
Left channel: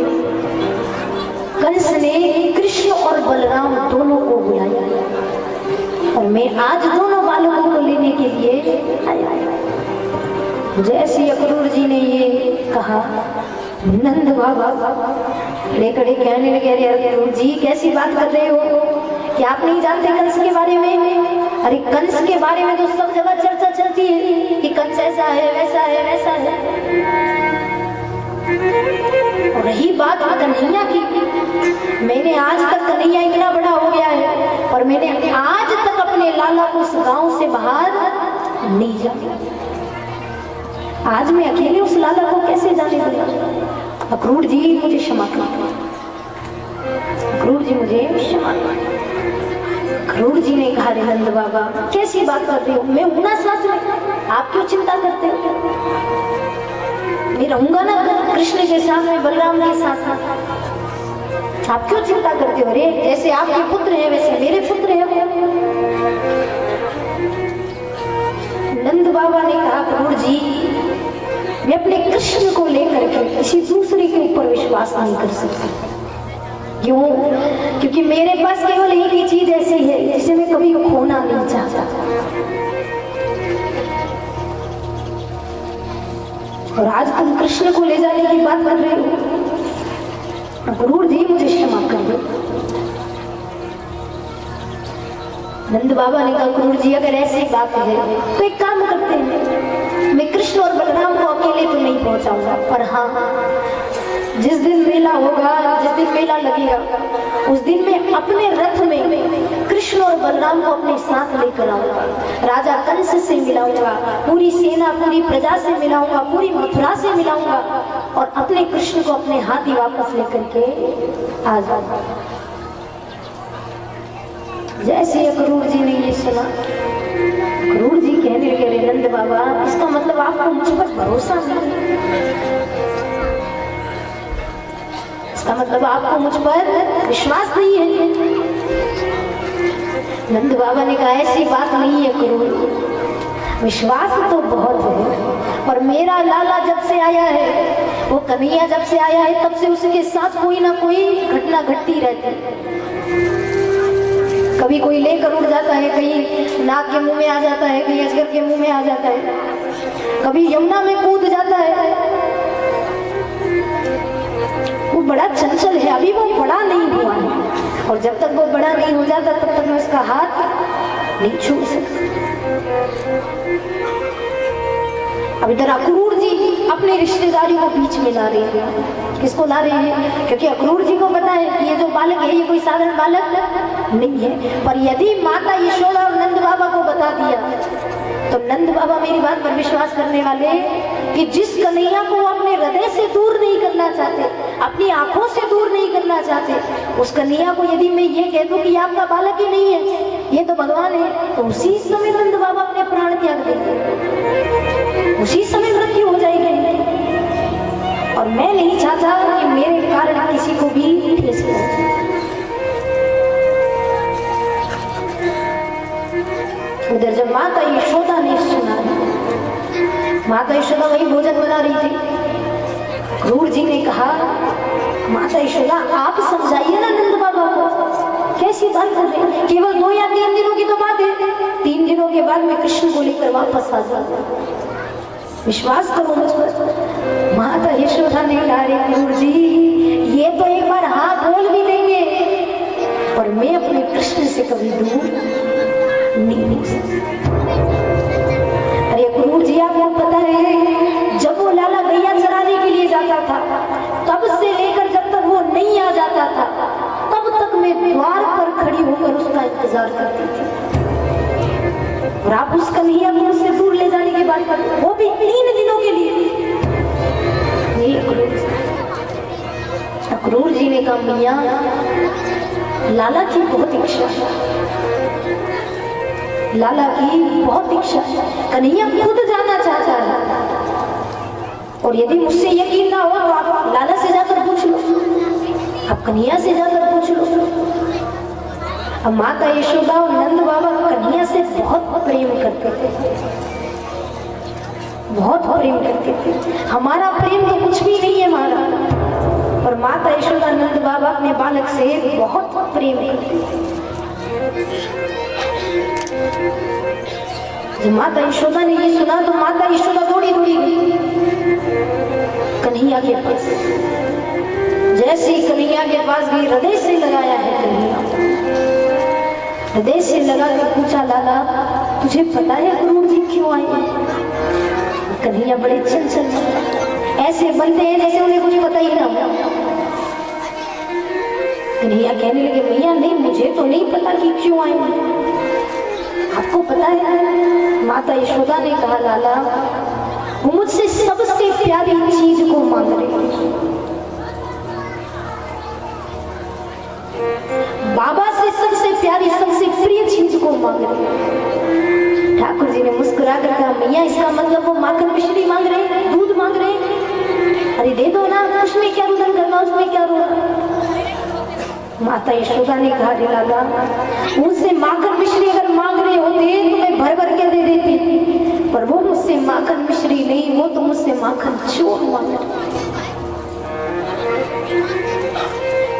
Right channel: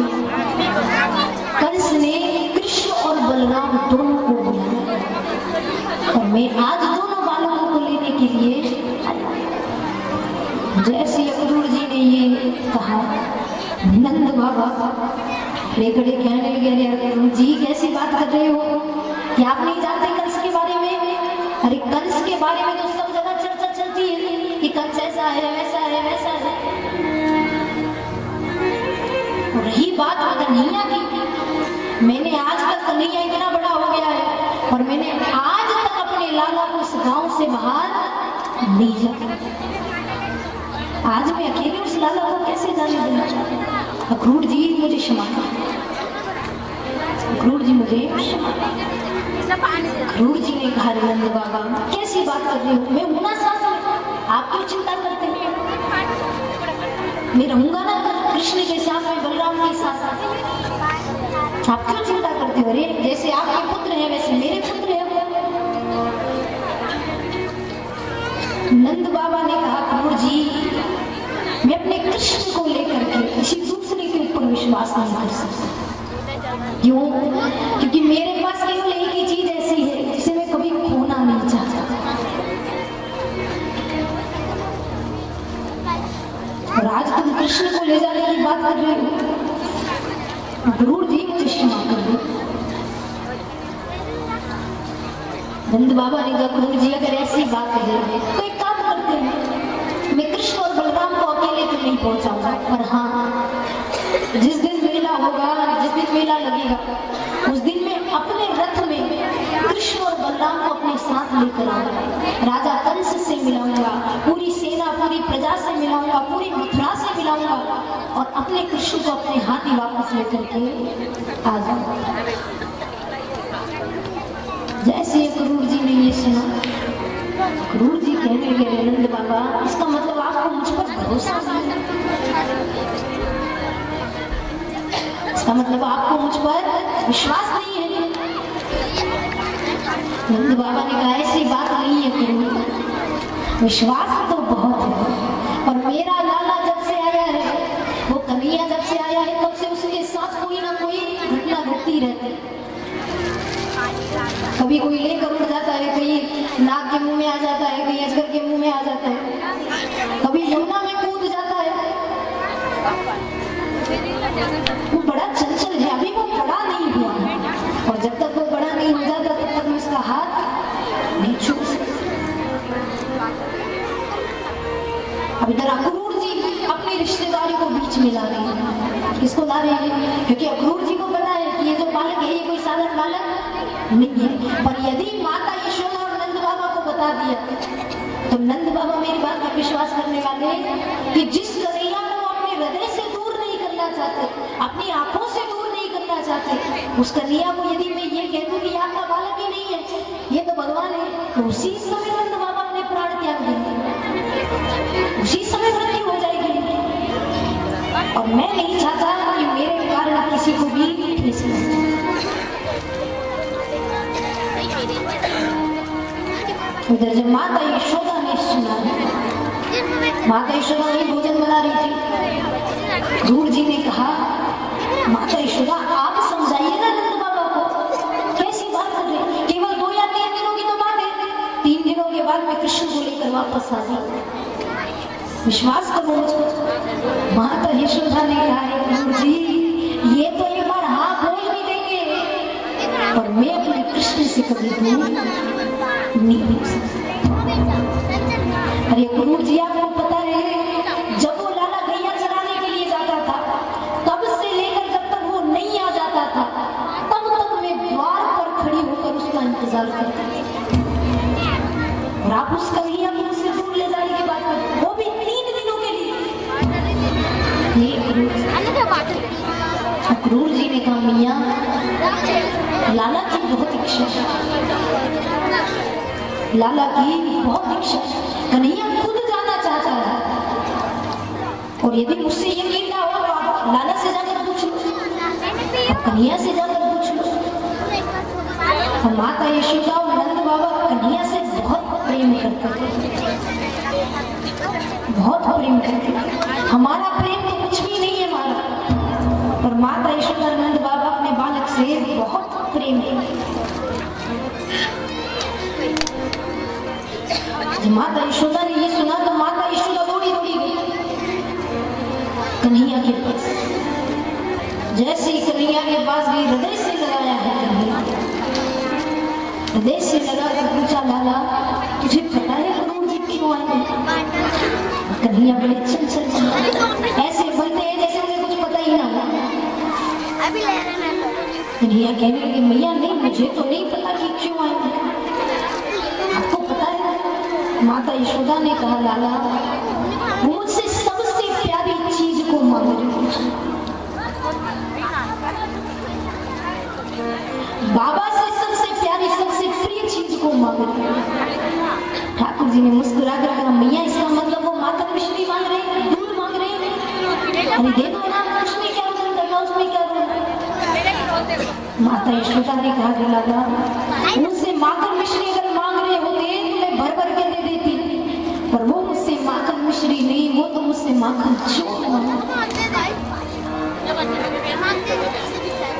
कंस ने कृष्ण और बलराम दोनों को बुलाया, और मैं आज दोनों बालकों को लेने के लिए आया। जैसे अक्रूर जी ने ये कहा, नंद बाबा खड़े खड़े कहने लगे, अरे अक्रूर जी कैसी बात कर रहे हो, क्या आप नहीं जानते कंस के बारे में? अरे कंस के बारे में तो सब जगह चर्चा चलती है कि कंस ऐसा है, वैसा है, वैसा है। और रही बात कन्हैया की, मैंने आज तक कन्हैया इतना बड़ा हो गया है और मैंने आज तक अपने लाला को इस गांव से बाहर नहीं जाना। आज मैं अकेले उस लाला को कैसे जाने दूंगा? अक्रूर जी मुझे क्षमा कर, अक्रूर जी मुझे क्षमा कर। अक्रूर जी ने कहा, रे नंद बाबा कैसी बात कर रही हो, मैं हूं ना साथ में, आप क्यों चिंता करते हो? मैं रहूंगा ना कृष्ण के साथ में, बलराम के साथ, आप क्यों चिंता करते हो? रे जैसे आपके पुत्र हैं वैसे मेरे पुत्र हैं। नंद बाबा ने कहा, अक्रूर जी मैं अपने कृष्ण को लेकर के किसी दूसरे के ऊपर विश्वास नहीं कर सकता। क्यों? क्योंकि मेरे पास केवल एक ही चीज ऐसी है जिसे मैं कभी खोना नहीं चाहता। और आज तुम कृष्ण को ले जाने की बात कर रहे हो। गुरु जी मुझे क्षमा कर दो। नंद बाबा ने कहा गुरु जी अगर ऐसी बात है तो एक काम करते हैं, मैं कृष्ण और बलराम को अकेले तो नहीं पहुंचाऊंगा, पर हाँ जिस दिन मेला होगा, जिस दिन मेला लगेगा, उस दिन मैं अपने रथ में कृष्ण और बलराम को अपने साथ लेकर आऊंगा, राजा कंस से मिलाऊंगा, पूरी सेना पूरी प्रजा से मिलाऊंगा, पूरी मथुरा से मिलाऊंगा और अपने कृष्ण को अपने हाथ ही वापस लेकर के आ जाऊंगा। जैसे अक्रूर जी ने ये सुना, अक्रूर जी कहने लगे नंद बाबा इसका मतलब आपको मुझ पर भरोसा नहीं है, इसका मतलब आपको मुझ पर विश्वास नहीं है। नंद बाबा ने कहा ऐसी बात नहीं है अक्रूर, विश्वास तो बहुत है, और मेरा लाला जब से आया है, वो कन्हैया जब से आया है, तब से उसके साथ कोई ना कोई घटना घटती रहती है। कभी कोई लेकर उड़ जाता है, कहीं नाग के मुंह में आ जाता है, कहीं अजगर के मुंह में आ जाता है, कभी यमुना में कूद जाता है। वो बड़ा चंचल है, अभी वो बड़ा नहीं हुआ है, और जब तक वो बड़ा नहीं हो जाता तब तक मैं उसका हाथ नहीं छू सकता। अब इधर अक्रूर जी अपने रिश्तेदारी को बीच में ला रहे हैं। किसको ला रहे हैं? क्योंकि अक्रूर जी को पता है कि ये जो बालक है ये कोई साधारण बालक नहीं है, पर यदि माता यशोदा और नंद बाबा को बता दिया तो नंद बाबा मेरी बात पर विश्वास करने वाले कि जिस कन्हैया को अपने हृदय से दूर नहीं करना चाहते, अपनी आंखों से दूर नहीं करना चाहते, उस कन्हैया को यदि मैं ये कह दूं कि आपका बालक ही नहीं है, ये तो भगवान है, तो उसी समय नंद बाबा अपने प्राण त्याग देंगे, उसी समय मृत्यु हो जाएगी। और मैं नहीं चाहता कि मेरे कारण किसी को भी ठेस लगे। उधर जब माता यशोदा ने सुना, माता यशोदा वही भोजन बना रही थी, अक्रूर जी ने कहा माता यशोदा आप समझाइए ना नंद बाबा को, कैसी बात कर रहे हैं, केवल 2 या 3 दिनों की तो बात है, 3 दिनों के बाद मैं कृष्ण को लेकर वापस आ जाऊंगा, विश्वास करो मुझ पर। माता यशोदा ने कहा अक्रूर जी ये तो एक बार हाँ बोल भी देंगे, पर मैं अपने कृष्ण से कभी दूर नहीं हो सकता। अरे अक्रूर जी आपको पता है जब वो लाला गैया चराने के लिए जाता था, तब से लेकर जब तक वो नहीं आ जाता था, तब तक मैं द्वार पर खड़ी होकर उसका इंतजार करती थी, और आप उस कन्हैया को उससे दूर ले जाने की बात करते, वो भी 3 दिनों के लिए। अक्रूर जी ने कहा मियां लाला की बहुत इच्छा है, लाला की बहुत इच्छा, कन्हैया खुद जाना चाहता है, और यदि मुझसे यकीन ना हो तो आप लाला से जाकर पूछ लो, अब कन्हैया से जाकर पूछ लो। अब माता यशोदा और नंद बाबा कन्हैया से बहुत प्रेम करते थे, बहुत प्रेम करते थे। हमारा प्रेम तो कुछ भी नहीं है हमारा, पर माता यशोदा नंद बाबा अपने बालक से बहुत प्रेम करते। जब माता यशोदा ने ये सुना तो माता यशोदा दौड़ी दौड़ी गई कन्हैया के पास। जैसे ही कन्हैया के पास गई, हृदय से लगाया है कन्हैया, हृदय से लगा कर पूछा लाला तुझे पता है अक्रूर जी क्यों आए? कन्हैया बड़े चंचल ऐसे बनते हैं जैसे उन्हें कुछ पता ही ना हो। कन्हैया कहने लगे मैया नहीं, मुझे तो नहीं पता कि क्यों आए, आपको पता है? माता यशोदा ने कहा लाला वो मुझसे सबसे प्यारी चीज को मांग रहे, बाबा से सबसे प्यारी सबसे प्रिय चीज को मांग रहे। ठाकुर जी ने मुस्कुरा कर कहा मैया इसका मतलब वो माखन मिश्री मांग रहे हैं, दूध मांग रहे हैं, अरे दे दो ना, उसमें क्या रुदन करना, उसमें क्या रोना। माता यशोदा ने कहा लाला उनसे माखन मिश्री अगर मांग रहे होते तो मैं भर भर के दे देती, पर वो मुझसे माखन मिश्री नहीं, वो तो मुझसे माखन चोर मांग रहे।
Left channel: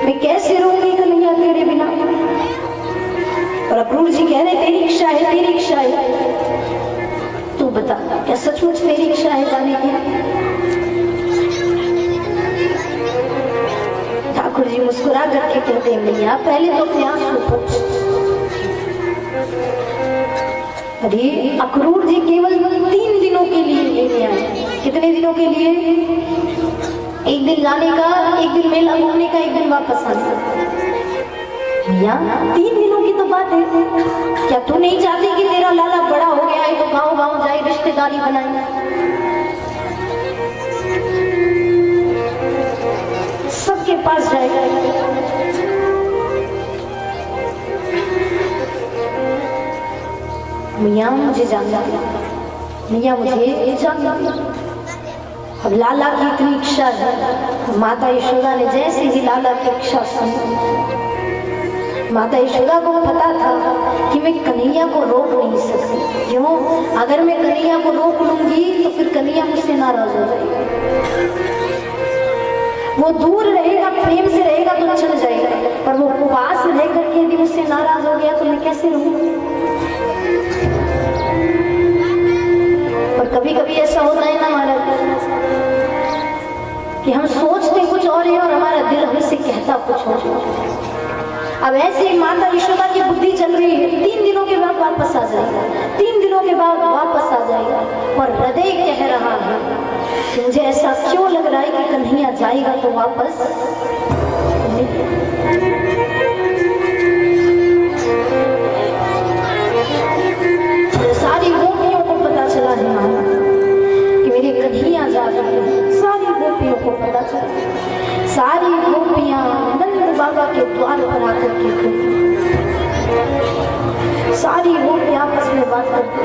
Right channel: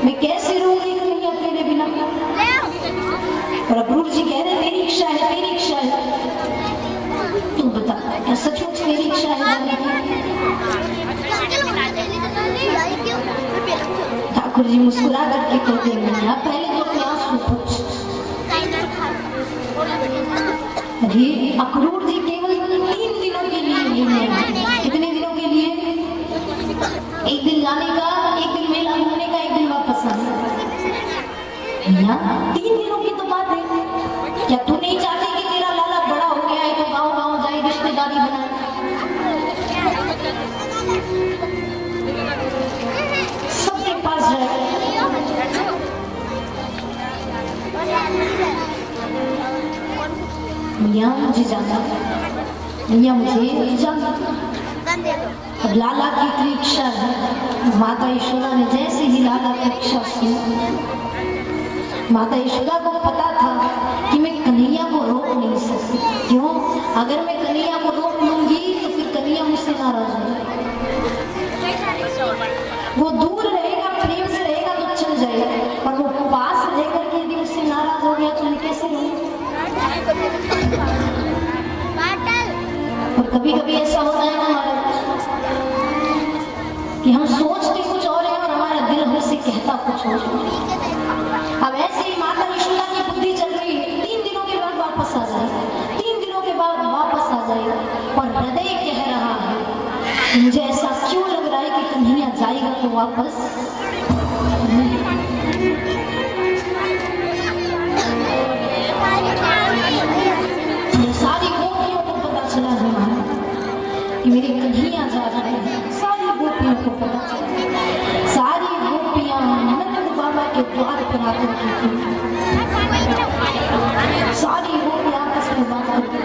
मैं कैसे रहूंगी कन्हैया तेरे बिना? और अक्रूर जी कह रहे तेरी इच्छा है, तेरी इच्छा है, तू बता बता, क्या सचमुच मेरी इच्छा है जाने की? ठाकुर जी मुस्कुरा करके कहते हैं, मैया पहले तो अपने आंसू पोंछ। अरे अक्रूर जी केवल 3 दिनों के लिए लेने आए। कितने दिनों के लिए? एक दिन लाने का, एक दिन मेला घूमने का, एक दिन वापस आने का। भैया 3 दिनों की तो बात है, क्या तू नहीं चाहती कि तेरा लाला बड़ा हो गया है तो गांव गांव जाए, रिश्तेदारी बनाए? सबके पास जाए। मियाँ मुझे जानना, मियाँ मुझे जानना। अब लाला की इतनी इच्छा है। माता यशोदा ने जैसे ही लाला की इच्छा सुनी, माता यशोदा को पता था कि मैं कन्हैया को रोक नहीं सकती। क्यों? अगर मैं कन्हैया को रोक लूंगी तो फिर कन्हैया मुझसे नाराज हो जाएगी। वो दूर रहेगा, प्रेम से रहेगा तो चल जाएगा, और वो पास रह करके यदि मुझसे नाराज हो गया तो मैं कैसे रहूं? और कभी कभी ऐसा होता है ना महाराज कि हम सोचते कुछ और है और हमारा दिल हमसे कहता कुछ और। अब ऐसे ही माता यशोदा की बुद्धि चल रही है, 3 दिनों के बाद वापस आ जाएगा, 3 दिनों के बाद वापस आ जाएगा, और हृदय कह रहा है कि मुझे ऐसा क्यों लग रहा है कि कन्हैया जाएगा तो वापस ये सारी गोपियों को पता चला है कि मेरे कन्हैया जा रहे हैं। सारी गोपियों को पता चला, सारी गोपियां नंद बाबा के द्वार पर आकर के सारी गोपियां आपस में बात करती।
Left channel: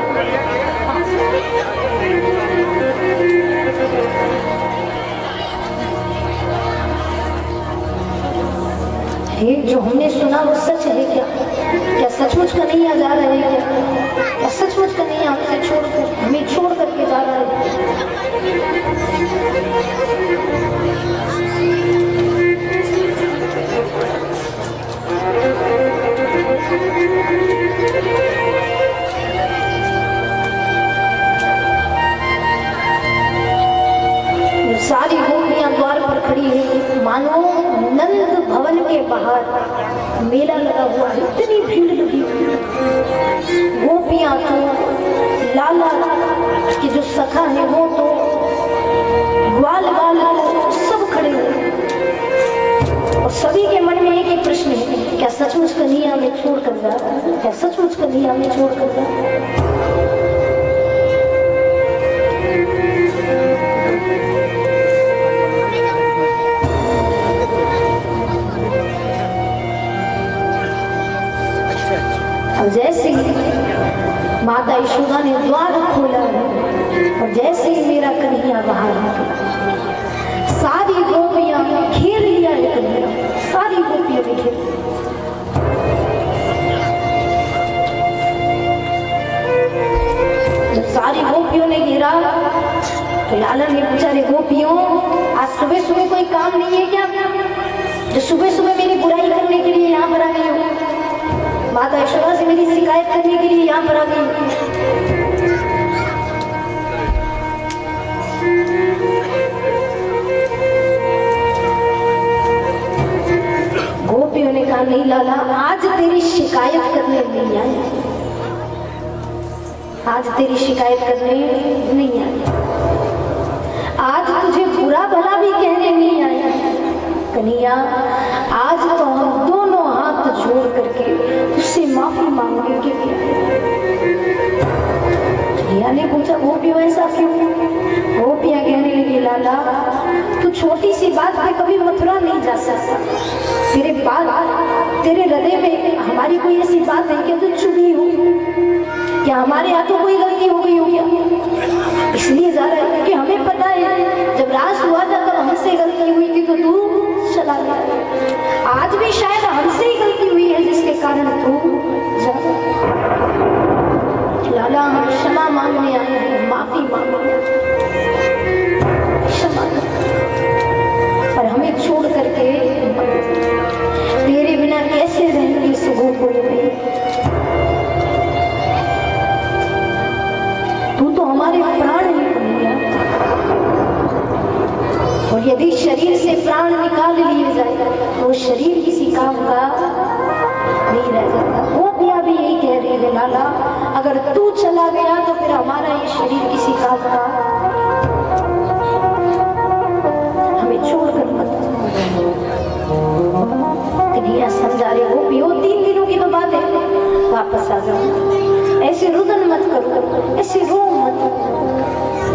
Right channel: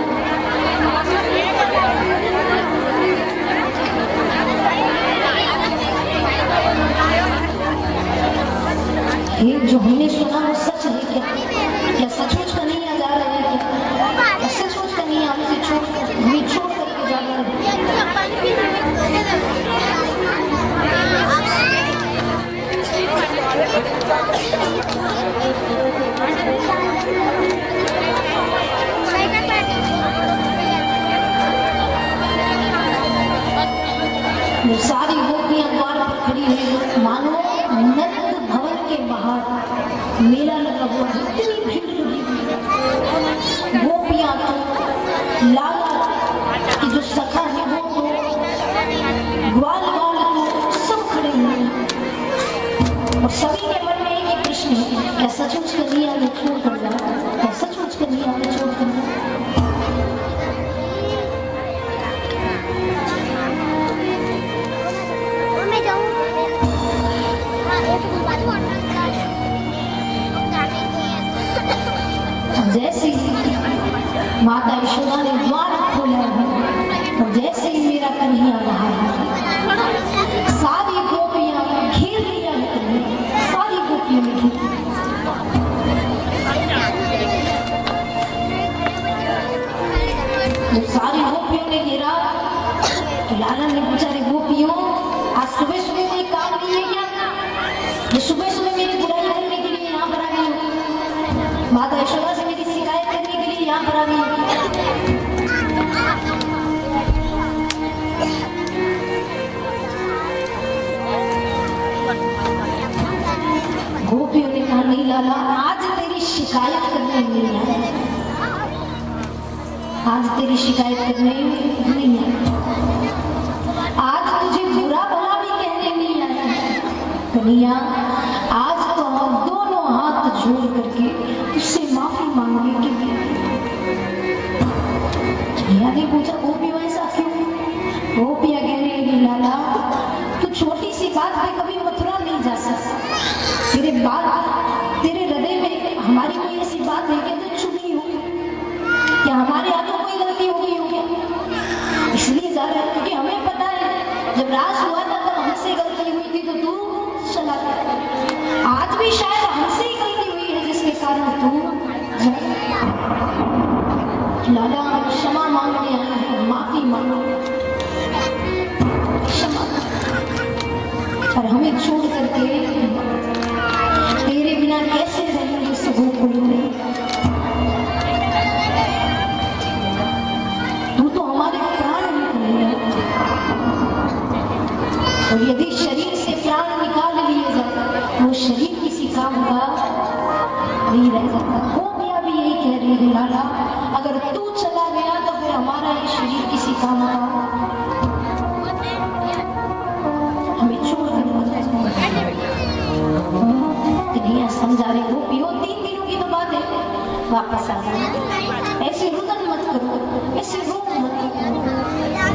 ये जो हमने सुना वो सच है क्या? क्या सचमुच कन्हैया जा रहा है क्या? क्या सचमुच कन्हैया हमसे छोड़कर, हमें छोड़ करके जा रहा है? सारी गोपियां द्वार पर खड़ी है, मानो नंद भवन के बाहर मेला लगा हुआ है, इतनी भीड़ लगी हुई है। गोपियां तो, लाला के जो सखा है वो तो, ग्वाल वाल तो सब खड़े हुए, और सभी के मन में एक ही प्रश्न है, क्या सचमुच कन्हैया हमें छोड़ कर जा? क्या सचमुच कन्हैया हमें छोड़ कर जा? जैसे ही माता यशोदा ने द्वार खोला और जैसे ही मेरा कन्हैया बाहर आ, सारी गोपियां घेर लिया है कन्हैया, सारी गोपियों ने घेर। सारी गोपियों ने घेरा तो लाला ने पूछा, रे गोपियों आज सुबह सुबह कोई काम नहीं है क्या, जो सुबह सुबह मेरी बुराई करने के लिए यहाँ पर आ गई हो? माता यशोदा से मेरी शिकायत करने के लिए यहाँ पर आ गई। गोपियों ने कहा, नहीं लाला, आज तेरी शिकायत करने नहीं आया, आज तेरी शिकायत करने नहीं आया, आज तुझे बुरा भला भी कहने नहीं आया। कन्हैया आज तो हम दोनों हाथ जोड़ करके उससे माफी मांगने के लिए। कन्हैया ने पूछा, गोपियों ऐसा क्यों? गोपियां कहने लगी, लाला तू छोटी सी बात पे कभी मथुरा नहीं जा सकता, तेरे हृदय में हमारी कोई ऐसी बात है क्या जो चुभी हो? क्या हमारे हाथों कोई गलती हो गई हो क्या? इसलिए जा रहा है क्योंकि हमें पता है जब राज हुआ था तब हमसे गलती हुई थी तो तू चला गया, आज भी शायद हमसे ही गलती हुई है जिसके कारण तू लाला हम क्षमा मांगने आए हैं, माफी मांगो, क्षमा और हमें छोड़ करके तेरे बिना कैसे रहेंगे इस गोकुल में? तू तो हमारे और यदि शरीर से प्राण निकाल लिए जाए तो शरीर किसी काम का नहीं रह जाता। गोपियां भी यही कह रही है, लाला अगर तू चला गया तो फिर हमारा ये शरीर किसी काम का, हमें छोड़कर मत। कन्हैया समझा रहे, गोपियों 3 दिनों की तो बात है, वापस आ जाओ, ऐसे रुदन मत करो, ऐसे रो मत।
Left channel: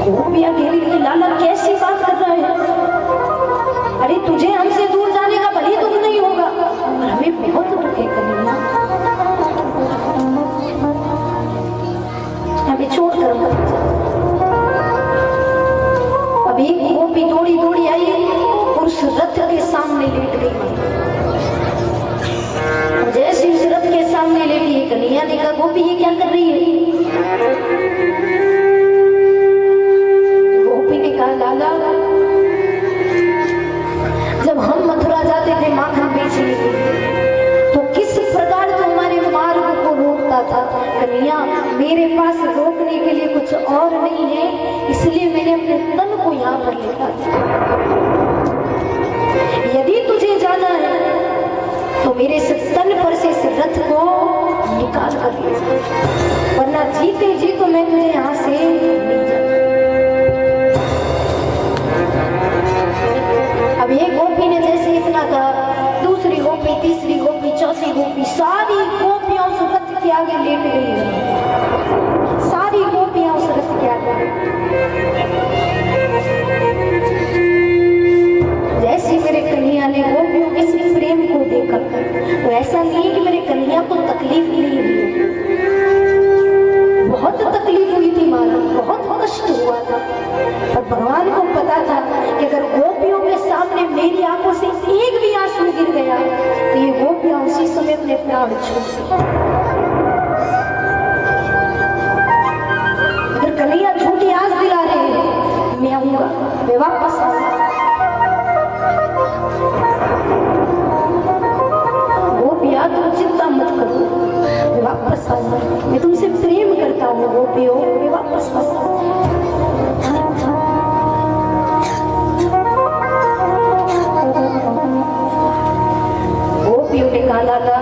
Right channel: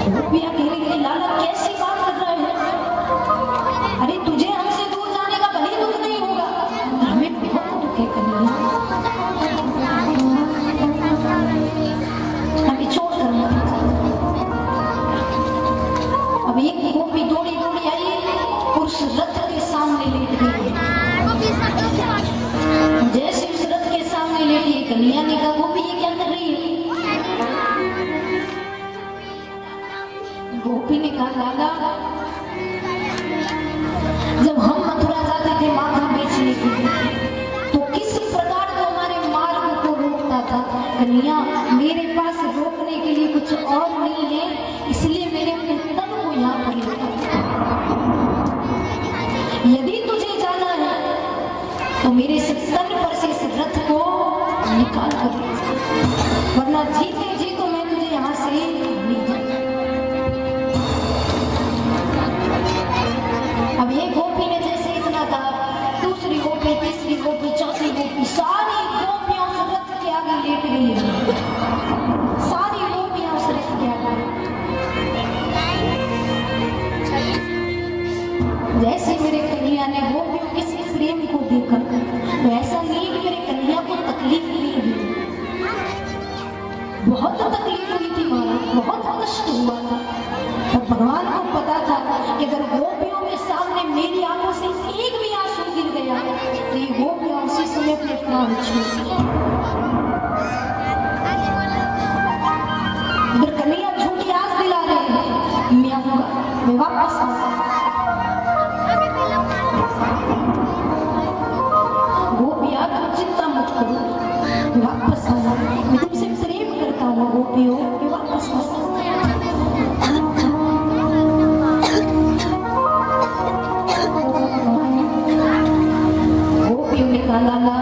गोपियां कह रही है, लाला कैसी बात कर रहा है, अरे तुझे हमसे दूर जाने का भले दुख नहीं होगा, हमें बहुत दुख है कन्हैया, हमें छोड़कर मत जा। अब एक गोपी दौड़ी दौड़ी आई और उस रथ के सामने लेट गई। जैसे उस रथ के सामने लेटी है, कन्हैया ने कहा, गोपी ये क्या कर रही है? गोपी ने कहा, लाला जब हम मथुरा जाते थे माखन बेचने के लिए तो किस प्रकार तो हमारे मार्ग को रोकता था। कन्हैया मेरे पास रोकने के लिए कुछ और नहीं है, इसलिए मैंने अपने तन को यहाँ पर लिखा। यदि तुझे जाना है तो मेरे तन पर से इस रथ को निकाल कर ले जा, वरना जीते जी तो मैं तुझे यहाँ से नहीं जाऊंगा। अब एक गोपी ने जैसे इतना कहा, दूसरी गोपी, तीसरी गोपी, चौथी गोपी, सारी गोपियां उस रथ के आगे लेट गई। सारी गोपियां उस रथ के आगे। जैसे मेरे कन्हैया ने गोपियों के इस प्रेम को देखा तो ऐसा नहीं है कि मेरे कन्हैया को तकलीफ नहीं हुई, बहुत तकलीफ हुई थी, मारा बहुत कष्ट हुआ था, पर भगवान को पता था कि अगर गोपियों के सामने मेरी आंखों से एक भी आंसू गिर गया तो ये गोपियां उसी समय अपने प्राण छोड़ देंगी। अगर कन्हैया झूठी आस दिला रहे हैं, मैं आऊंगा, मैं वापस आऊंगा, गोपियां तुम चिंता मत करो, मैं वापस आऊंगा, मैं तुमसे प्रेम करता हूँ गोपियों, मैं वापस आऊंगा। गोपियों ने कहा, लाला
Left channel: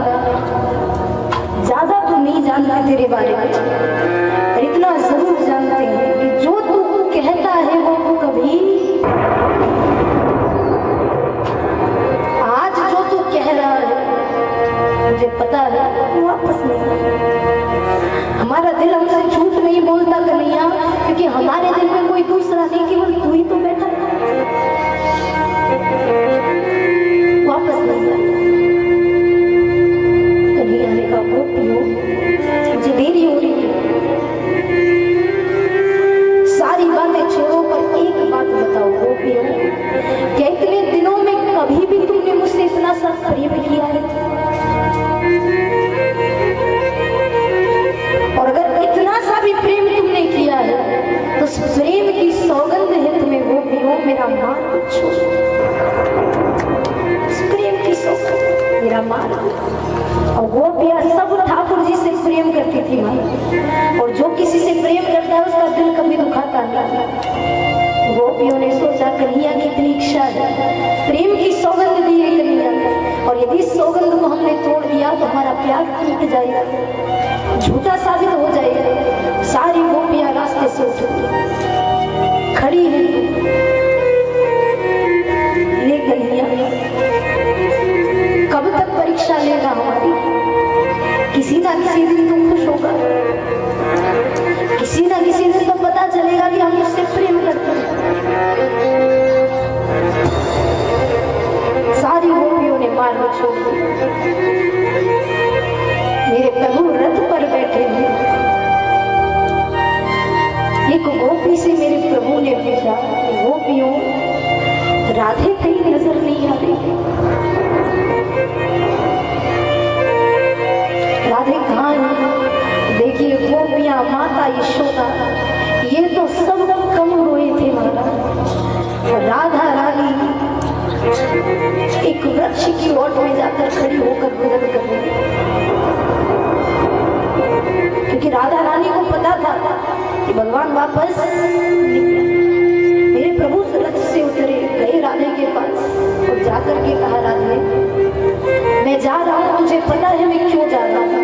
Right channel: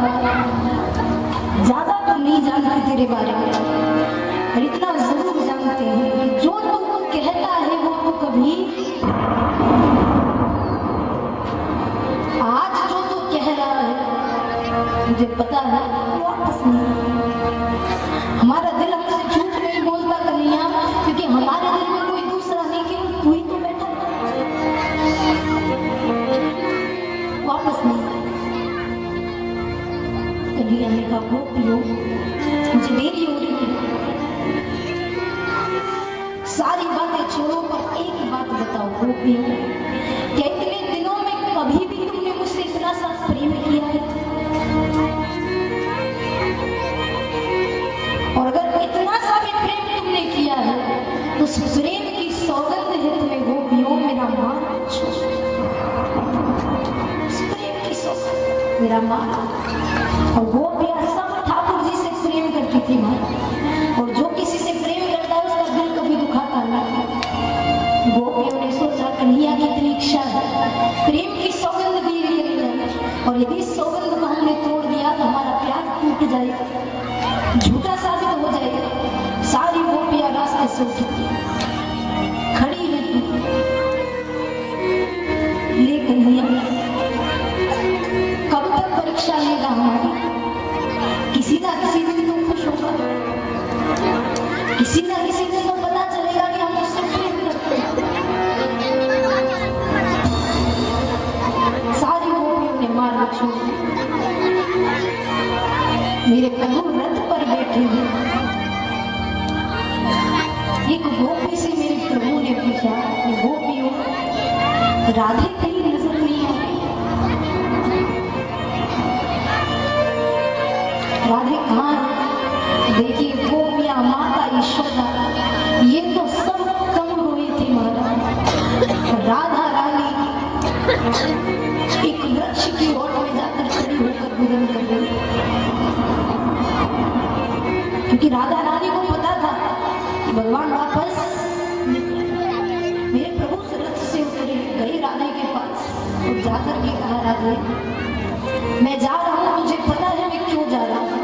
ज्यादा तो नहीं जानते तेरे बारे में, पर इतना जरूर जानते हैं कि जो तू कहता है वो तू कभी, आज जो तू कह रहा है मुझे पता है वापस नहीं। हमारा दिल हमसे झूठ नहीं बोलता कन्हैया, क्योंकि हमारे दिल में कोई दूसरा नहीं, केवल तू ही तो बैठा है, वापस नहीं। कन्हैया ने कहा, गोपियों मुझे देरी हो रही है, सारी बातें छोड़ो, पर एक बात बताओ गोपियों, क्या इतने दिनों में कभी भी तुमने मुझसे इतना सा प्रेम किया है? और अगर इतना सा भी प्रेम तुमने किया है तो उस प्रेम की सौगंध है तुम्हें गोपियों, मेरा मार्ग छोड़ो, उस प्रेम की सौगंध, मेरा मार्ग। और गोपियां सब ठाकुर जी से प्रेम करती थी माँ, और जो किसी से प्रेम करता है उसका दिल कभी दुखाता नहीं। गोपियों ने सोचा कन्हैया की इतनी इच्छा है, प्रेम की सौगंध दी है कन्हैया, और यदि इस सौगंध को हमने तोड़ दिया तो हमारा प्यार टूट जाएगा, झूठा साबित हो जाएगा। सारी गोपियां रास्ते से उठ खड़ी है, ले कन्हैया कब तक परीक्षा लेगा हमारी, किसी ना किसी दिन तो खुश होगा, किसी ना किसी दिन तो पता चलेगा कि हम उससे प्रेम करते हैं। सारी गोपियों ने मार्ग छोड़ दिया, मेरे प्रभु रथ पर बैठे हैं। एक गोपी से मेरे प्रभु ने पूछा, गोपियों राधे कहीं नजर नहीं आ रही? राधे कहाँ है? देखिए गोपियां, माता यशोदा, ये तो सब कम रोए थे माता, राधा रानी एक वृक्ष की ओट में जाकर खड़ी होकर भोजन कर रही, क्योंकि राधा रानी को पता था कि भगवान वापस मेरे प्रभु रथ से उतरे गए, जाकर के कहा, राधे मैं जा रहा हूँ, मुझे पता है मैं क्यों जा रहा हूँ,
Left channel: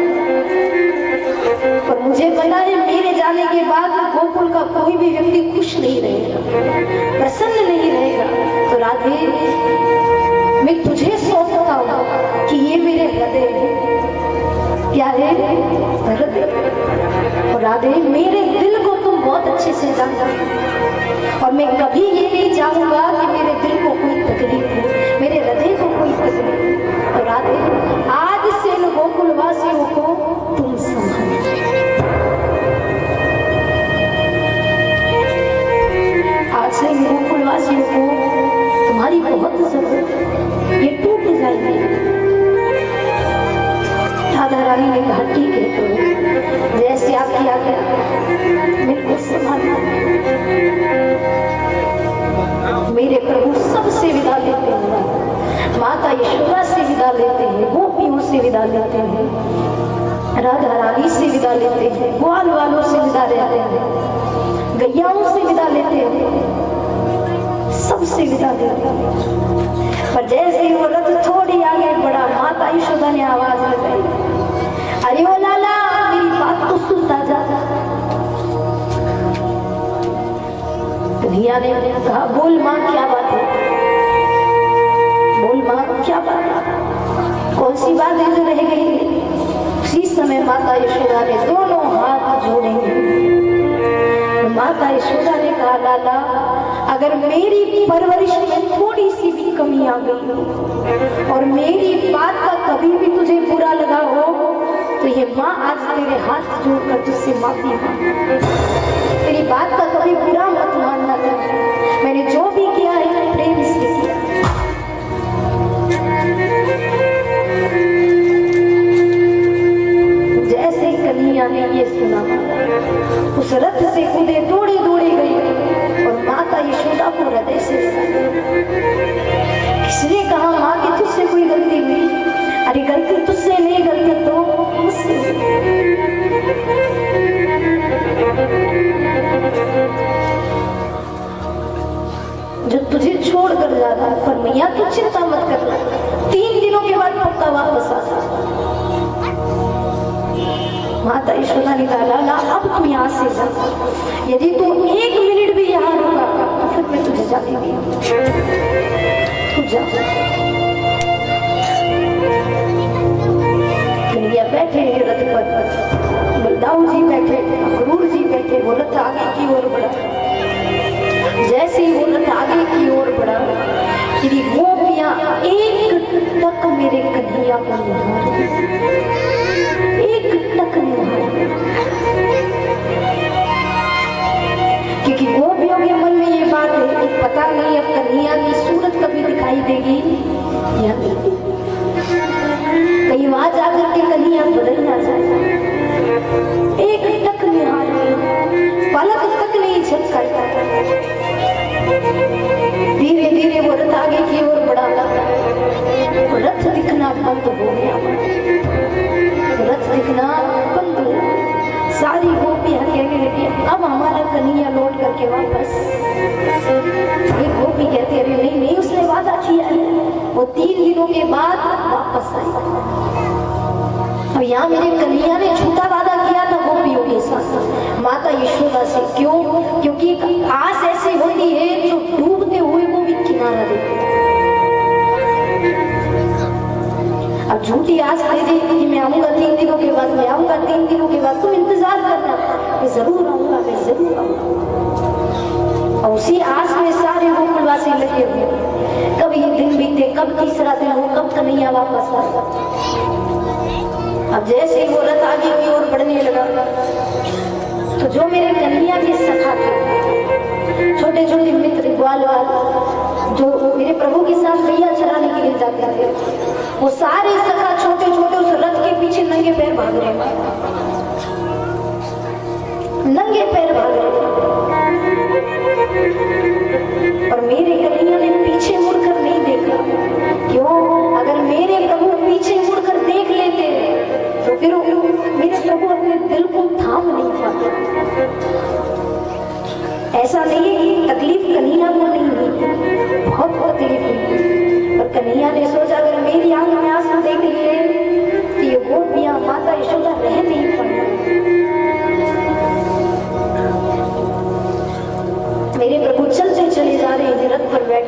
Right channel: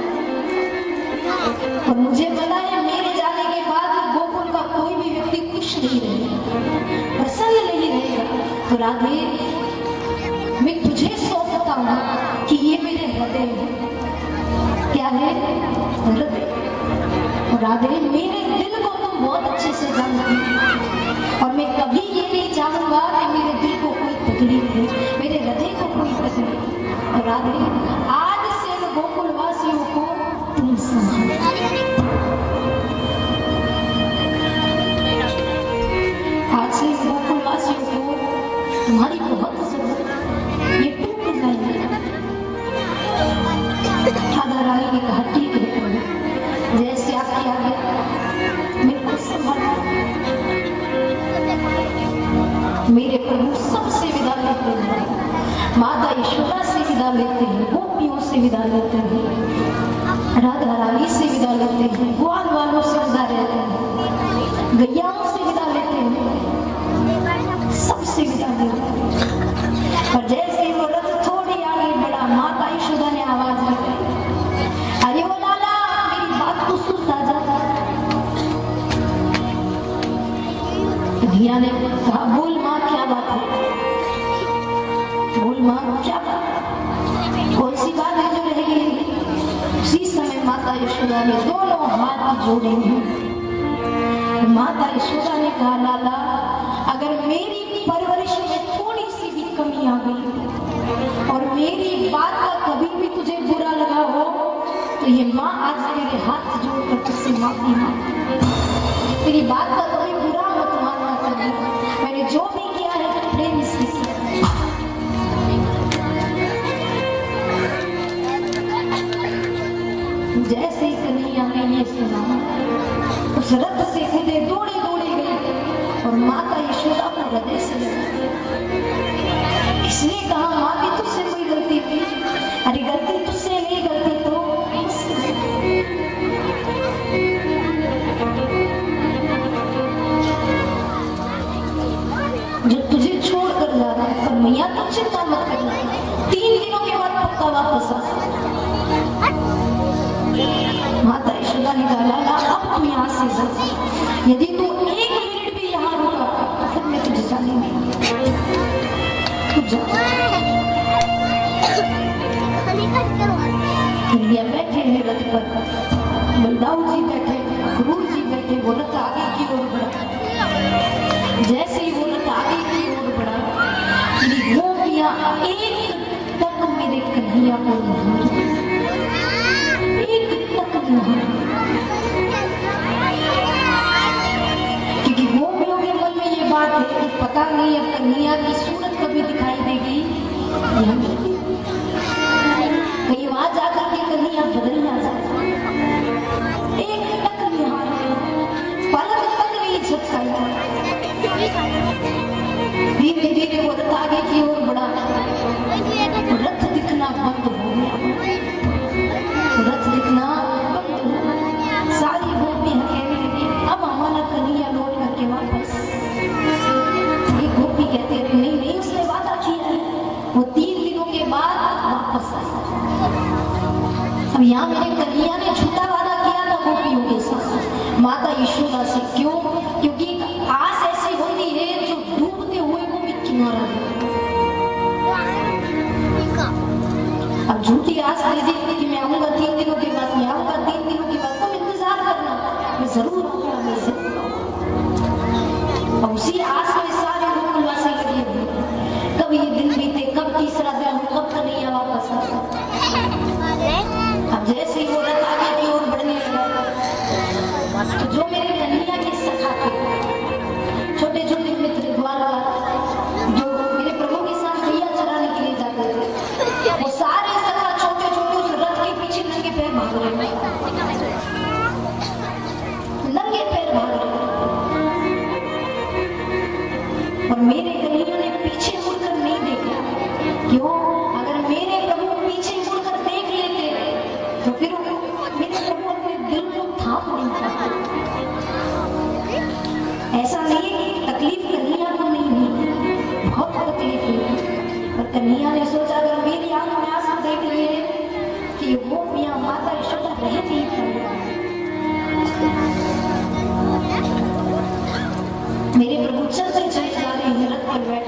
और मुझे पता है मेरे जाने के बाद गोकुल का कोई भी व्यक्ति खुश नहीं रहेगा, प्रसन्न नहीं रहेगा। तो राधे मैं तुझे सौंपता हूँ कि ये मेरे हृदय है। क्या है? हृदय। और राधे मेरे दिल को तुम बहुत अच्छे से जानती हो, और मैं कभी ये नहीं चाहूंगा कि मेरे दिल को कोई तकलीफ हो, मेरे हृदय को कोई तकलीफ। और राधे आज से इन गोकुलवासियों को तुम संभालो। आज से इन गोकुलवासियों को तुम्हारी बहुत जरूरत है, ये टूट जाएंगे। राधा रानी ने कहा ठीक है, तो जैसे आपकी आज्ञा, मेरे को संभालना। मेरे प्रभु सबसे विदा लेते हैं, माता यशोदा से विदा लेते हैं, गोपियों से विदा लेते हैं, राधा रानी से विदा लेते हैं, ग्वाल वालों से विदा लेते हैं, गैयाओं से विदा लेते हैं, सबसे विदा लेते हैं। पर जैसे वो रथ थोड़ी आगे बढ़ा, माता यशोदा ने आवाज लगाई, अरे ओ लाला मेरी बात तो सुन राजा। धिया ने कहा, बोल माँ क्या बात है, बोल माँ क्या बात है, कौन सी बात है जो रह गई है? उसी समय माता यशोदा ने दोनों हाथ जोड़ेंगे। माता यशोदा ने कहा, लाला अगर मेरी परवरिश में थोड़ी सी भी कमी आ गई और मेरी बात का कभी भी तुझे बुरा लगा हो, तो ये माँ आज तेरे हाथ जोड़कर तुझसे माफी मांग, तेरी बात का कभी बुरा मत मानना कभी, मैंने जो भी किया है प्रेम से किया। जैसे ही कन्हैया ने ये सुना, उस रथ से कूदे, दौड़े दौड़े गई और माता यशोदा को हृदय से किसने कहा, माँ की तुझसे कोई गलती हुई? अरे गलती तुझसे नहीं, गलती तो मुझसे। जो तुझे छोड़ कर जा रहा है, पर मैया तू चिंता मत करना, 3 दिनों के बाद पक्का वापस आ। माता यशोदा ने कहा, लाला अब तू यहाँ से जा, यदि तू 1 मिनट भी यहाँ रुका तो फिर मैं तुझे जाने नहीं, तू जा। कन्हैया बैठे हैं रथ पर, बलदाऊ जी बैठे, क्रूर जी बैठे, वो रथ आगे की ओर बढ़ा। जैसे ही वो रथ आगे की ओर बढ़ा, मेरी गोपियां एक टक मेरे कन्हैया को निहार, एक टक निहार, क्योंकि गोपियों के मन में ये बात है कि पता नहीं अब कन्हैया की सूरत कभी दिखाई देगी या नहीं, कहीं वहां जाकर के कन्हैया बदल ना जाए। एक टक निहार, पलक तक नहीं झपकाया। धीरे धीरे वो रथ आगे की ओर बढ़ा, रथ दिखना बंद हो गया, रथ दिखना बंद हो। सारी गोपियां कहने लगी, अब हमारा कन्हैया लौट करके वापस। एक गोपी कहती है, नहीं नहीं उसने वादा किया है, वो 3 दिनों के बाद वापस आए। अब यहाँ मेरे कन्हैया ने झूठा वादा किया था गोपियों के साथ, माता यशोदा से। क्यों? क्योंकि आस ऐसी होती है जो डूबते हुए को भी किनारा देती है। अब झूठी आस दे दी कि मैं आऊंगा 3 दिनों के बाद, मैं आऊंगा 3 दिनों के बाद, तुम इंतजार करना, मैं जरूर आऊंगा, मैं जरूर आऊंगा। और उसी आस में सारे गोकुलवासी लगे हुए, कब ये दिन बीते, कब तीसरा दिन हो, कब कन्हैया वापस आता। अब जैसे ही वो रथ आगे की ओर बढ़ने लगा, तो जो मेरे कन्हैया के सखा थे, छोटे छोटे मित्र ग्वालवाल, जो मेरे प्रभु के साथ गैया चराने के लिए जाते थे, वो सारे सखा छोटे छोटे उस रथ के पीछे नंगे पैर भाग रहे, नंगे पैर भाग रहे। और मेरे कन्हैया ने पीछे मुड़कर नहीं देखा। क्यों? अगर मेरे प्रभु पीछे मुड़कर देख लेते तो फिर मेरे प्रभु अपने दिल को थाम नहीं पाते। ऐसा नहीं है कि तकलीफ कन्हैया को नहीं हुई, बहुत तकलीफ हुई, पर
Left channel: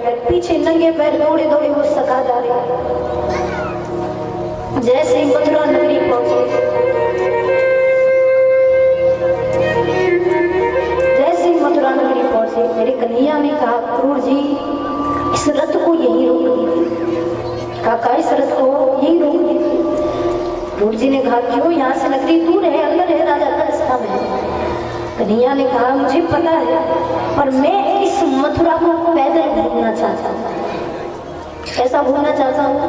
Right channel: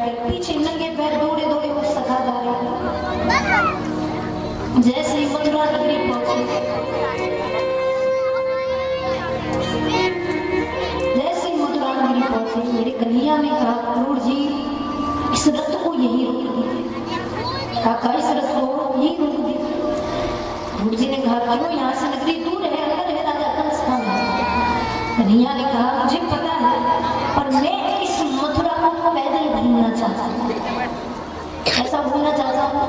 बैठकर पीछे नंगे पैर दौड़े दौड़े वो सखा जा रहे। जैसे ही मथुरा नगरी पहुंचे, जैसे ही मथुरा नगरी पहुंचे, मेरे कन्हैया ने कहा क्रूर जी इस रथ को यहीं रोक दीजिए। काका इस रथ को यहीं रोक दीजिए। क्रूर जी ने कहा क्यों, यहाँ से नगरी दूर है, अंदर है राजा कंस का महल। कन्हैया ने कहा मुझे पता है, पर मैं इस मथुरा को पैदल घूमना चाहता हूँ। ऐसा घूमना चाहता हूँ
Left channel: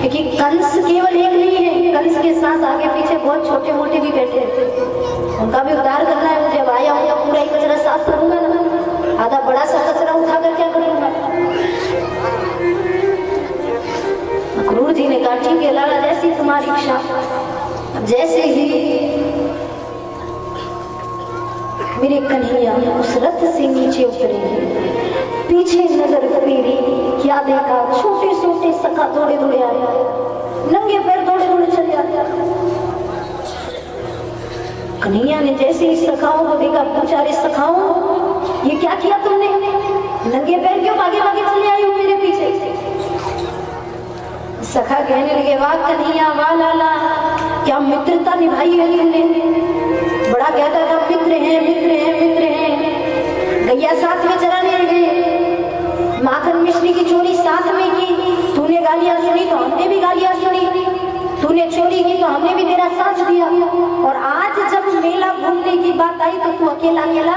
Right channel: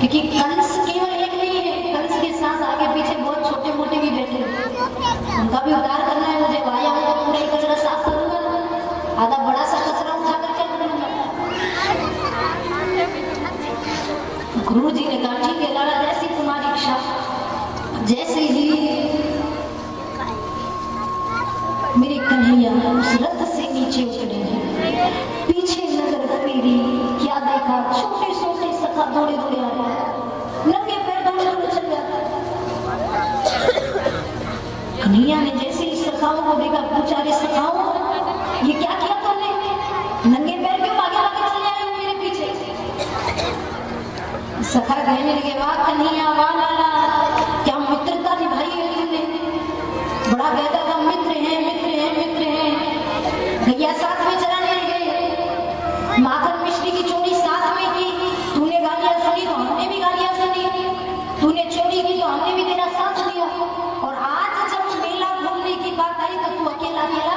क्योंकि कंस केवल एक नहीं है, कंस के साथ आगे पीछे बहुत छोटे मोटे भी बैठे हैं, उनका भी उद्धार करना है मुझे। आया हूँ तो पूरा ही कचरा साफ करूंगा ना, आधा बड़ा सा कचरा उठाकर क्या करूंगा। क्रूर जी ने कहा ठीक है लाला, जैसी तुम्हारी इच्छा। जैसे ही मेरे कन्हैया उस रथ से नीचे उतरे, पीछे नजर फेरी, क्या देखा, छोटे छोटे सखा दौड़े दौड़े आ रहे, नंगे पैर दौड़े दौड़े चले जाते। कन्हैया ने जैसे ही सखाओं को देखा, पूछा अरे सखाओ ये क्या किया तुमने, नंगे पैर क्यों आगे आगे चले आए हो मेरे पीछे। सखा कहने लगे वाह कन्हैया वाह लाला, क्या मित्रता निभाई है तुमने। बड़ा कहता था मित्र हैं मित्र हैं मित्र हैं। गैया साथ में चराने लगे, माखन मिश्री की चोरी साथ में की, तूने गालियां सुनी तो हमने भी गालियां सुनी, तूने चोरी की तो हमने भी तेरा साथ दिया। और आज जब मेला घूमने की बात आई तो तू अकेला अकेला,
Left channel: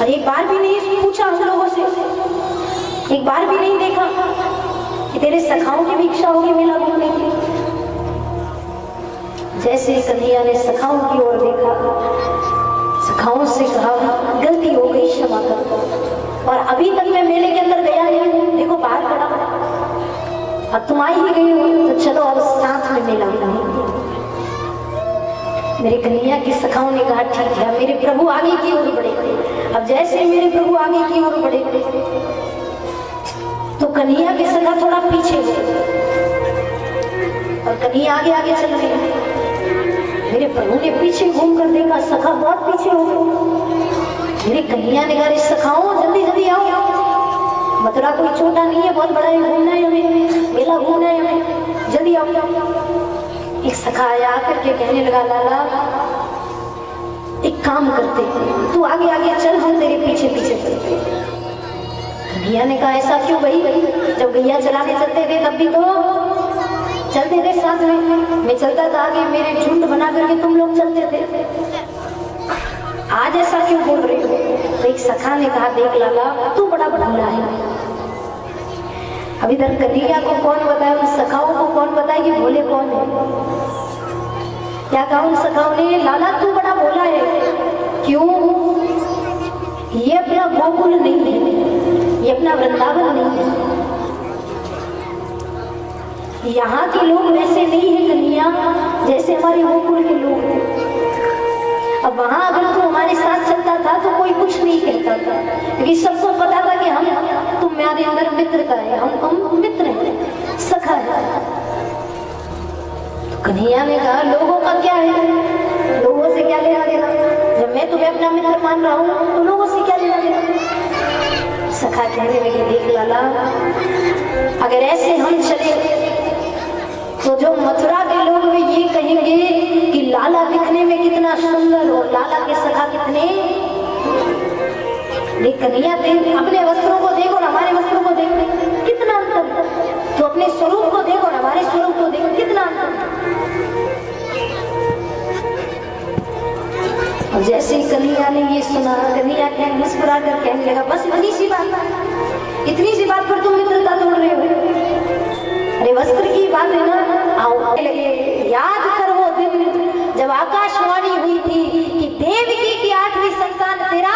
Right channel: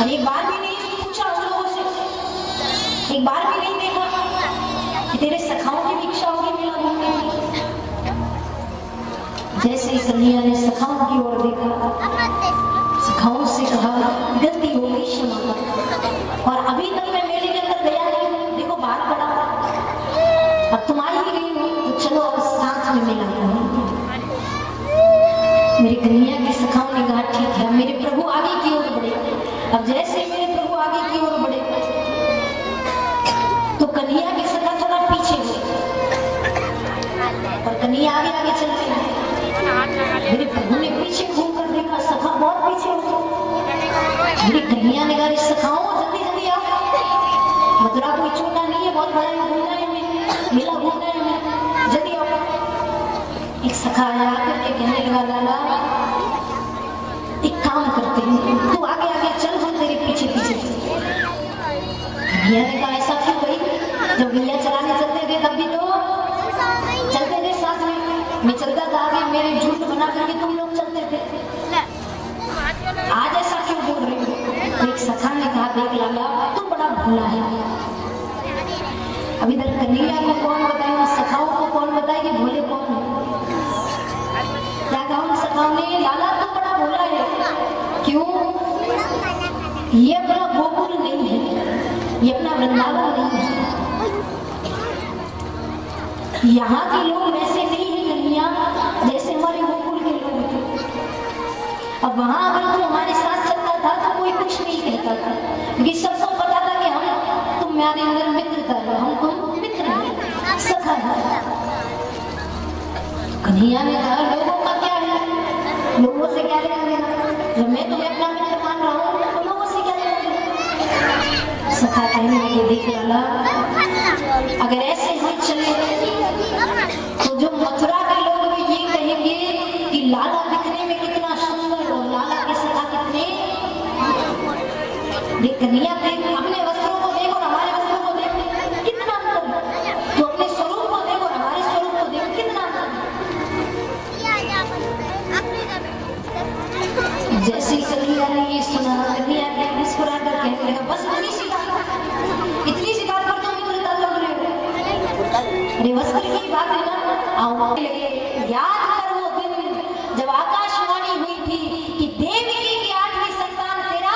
और एक बार भी नहीं पूछा हम लोगों से, एक बार भी नहीं देखा कि तेरे सखाओं की भी इच्छा होगी मेला घूमने की। जैसे कन्हैया ने सखाओं की ओर देखा, सखाओं से कहा गलती हो गई क्षमा कर, और अभी तक मैं मेले के अंदर गया नहीं, देखो बाहर खड़ा, अब तुम आई ही गई हो तो चलो अब साथ में मेला घूमेंगे। मेरे कन्हैया की सखाओं ने कहा ठीक है। मेरे प्रभु आगे की ओर बढ़े। अब जैसे मेरे प्रभु आगे की ओर बढ़े तो कन्हैया के सखा थोड़ा पीछे हुए और कन्हैया आगे आगे चल रही। मेरे प्रभु ने पीछे घूमकर देखा, सखा बहुत पीछे हो गए। मेरी कन्हैया ने कहा सखाओ जल्दी जल्दी आओ, मथुरा कोई छोटा नहीं है, बहुत बड़ा है, घूमना है हमें, मेला घूमना है हमें, जल्दी आओ। एक सखा आया, आकर के कहने लगा लाला एक काम करते हैं, तू आगे आगे चल, हम तेरे पीछे पीछे चलते। कन्हैया ने कहा ऐसा क्यों भाई, जब गैया चराने चलते थे तब भी तो चलते थे साथ में, मैं चलता था आगे, मेरे झुंड बना करके तुम लोग चलते थे, आज ऐसा क्यों बोल रहे हो। तो एक सखा ने कहा देख लाला तू बड़ा भूला है। अब इधर कन्हैया को कौन बताए, उन सखाओं को कौन बताए कि भोले कौन है। क्या कहा उन सखाओं ने, लाला तू बड़ा भोला है। क्यों, ये अपना गोकुल नहीं है, ये अपना वृंदावन नहीं है, यहाँ के लोग वैसे नहीं है कन्हैया जैसे हमारे गोकुल के लोग थे। अब वहां अगर तू हमारे साथ चलता था तो कोई कुछ नहीं कहता था, क्योंकि सबको पता था कि हम तुम्हारे अंदर मित्रता है, हम मित्र हैं, सखा है। कन्हैया ने कहा लोगों का क्या है, लोगों से क्या लेना देना, जब मैं तुम्हें अपना मित्र मान रहा हूँ तो लोगों से क्या लेना देना। सखा कहने लगे देख लाला अगर ऐसे हम चले तो जो मथुरा के लोग भी ये कहेंगे कि लाला दिखने में कितना सुंदर और लाला के सखा कितने। देख कन्हैया देख, अपने वस्त्रों को देखो और हमारे वस्त्रों को देखो कितना अंतर, तो अपने स्वरूप को देखो और हमारे स्वरूप को देखो कितना अंतर। जैसे ही कन्हैया ने ये सुना, कन्हैया के मुस्कुरा कर कहने लगा बस इतनी सी बात पर तुम मित्रता तोड़ रहे हो। अरे वस्त्र की बात है ना, आओ लगे याद कर वो दिन जब आकाशवाणी हुई थी कि देवकी की 8वीं संतान तेरा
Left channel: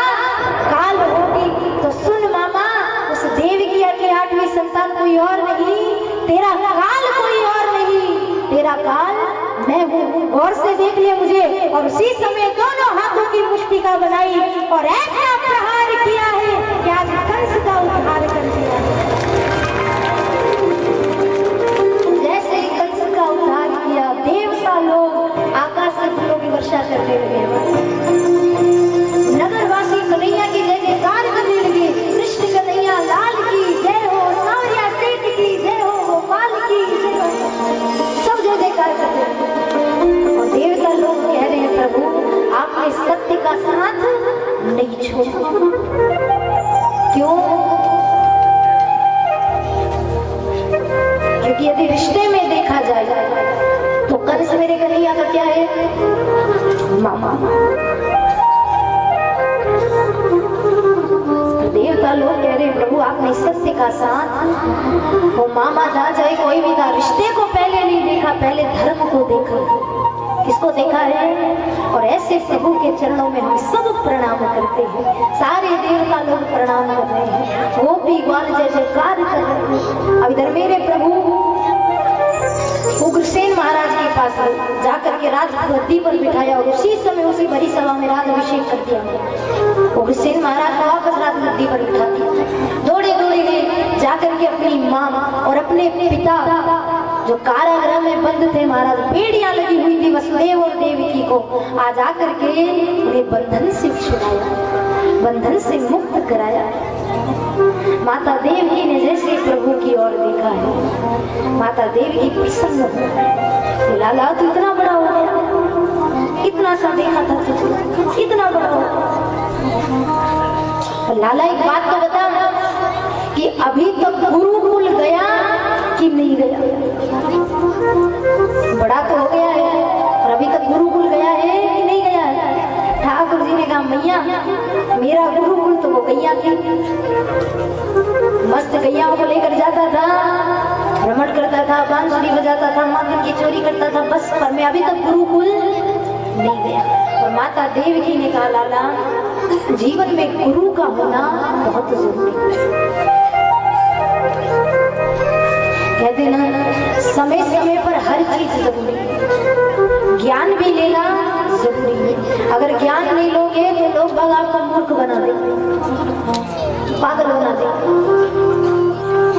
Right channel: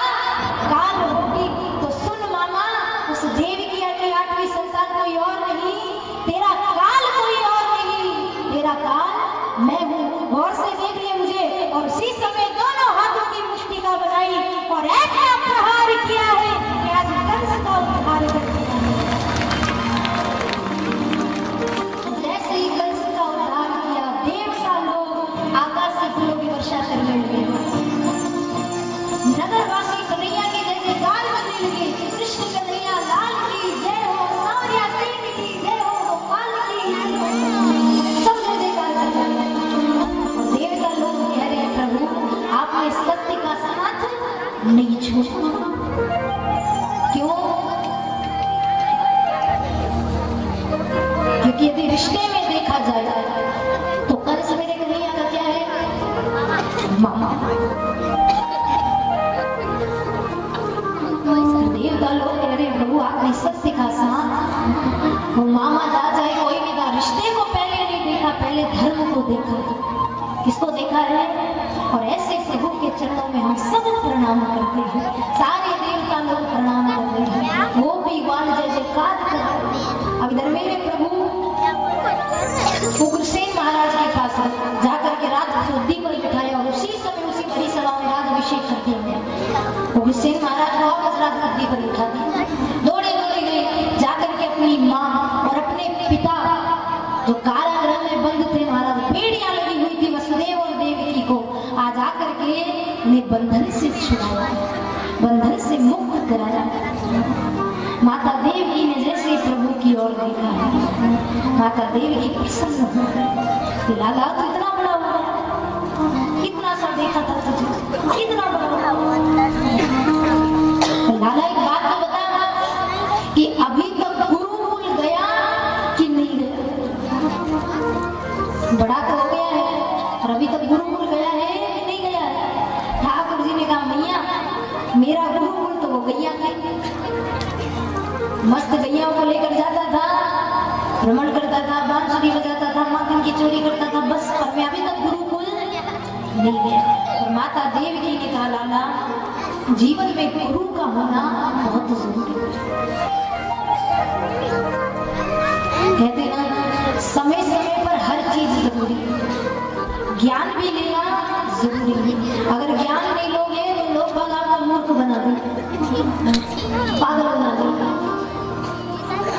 काल होगी। तो सुन मामा, उस देवकी की 8वीं संतान कोई और नहीं, तेरा काल कोई और नहीं, तेरा काल मैं हूँ। गौर से देख लिया मुझे। और उसी समय दोनों हाथों की मुष्टिका बनाई और ऐसा प्रहार किया है कि आज कंस का उद्धार कर दिया है। जैसे ही कंस का उद्धार किया, देवता लोग आकाश से फूलों की वर्षा करने लगे, नगरवासी कन्हैया की जय जयकार करने लगे, कृष्ण कन्हैया लाल की जय। नहीं छोड़ूंगा। क्यों? क्योंकि यदि रिश्ते में देखा जाए तो कंस मेरे कन्हैया का क्या है? मामा। देवता लोग कह रहे प्रभु आपने सत्य का साथ, वो मामा था चाहे कोई भी था, रिश्ते को पहले नहीं देखा, पहले धर्म को देखा। किसको देखा है? और ऐसे प्रभु के चरणों में हम सब प्रणाम करते हैं, सारे देवता लोग प्रणाम कर रहे हैं, वो भी ग्वाल जय जयकार कर रहे हैं। अब इधर मेरे प्रभु उग्रसेन महाराज के पास जाकर के राज गद्दी पर बिठाया और उसी समय उसी बड़ी सभा में राज अभिषेक कर दिया। उग्रसेन महाराज को वापस राज गद्दी पर बिठा दिया। दौड़े दौड़े गए जाकर के अपनी माँ और अपने पिता जो कारागृह में बंद थे महाराज, बेड़ियां लगी हुई थी वसुदेव और देवकी को, आज आकर के उन्हें बंधन से छुड़ाया, बंधन से मुक्त कराया। माता देवकी ने जैसे प्रभु की ओर देखा है, माता देवकी प्रसन्न हो गई। लाला तू इतना बड़ा हो गया, इतना सा देखा था तुझे, इतना बड़ा हो गया। लाला एक बात तो बता कि अभी तक गुरुकुल गया कि नहीं गया? बड़ा तो हो गया है और अभी तक गुरुकुल गया है कि नहीं गया है? ठाकुर जी ने कहा मैया मेरा गुरुकुल तो वो गैया थी, मस्त गैयाओं को लेकर जाता था, भ्रमण करता था, बांसुरी बजाता था, माखन की चोरी करता था, बस। पर मैं अभी तक गुरुकुल नहीं गया। और माता देवकी ने कहा लाला जीवन में गुरु का होना बहुत जरूरी है। कहते ना समय समय पर हर चीज जरूरी है, ज्ञान भी लेना जरूरी है। अगर ज्ञान नहीं लोगे तो लोग बाग आपको मूर्ख बना देंगे, पागल बना देंगे।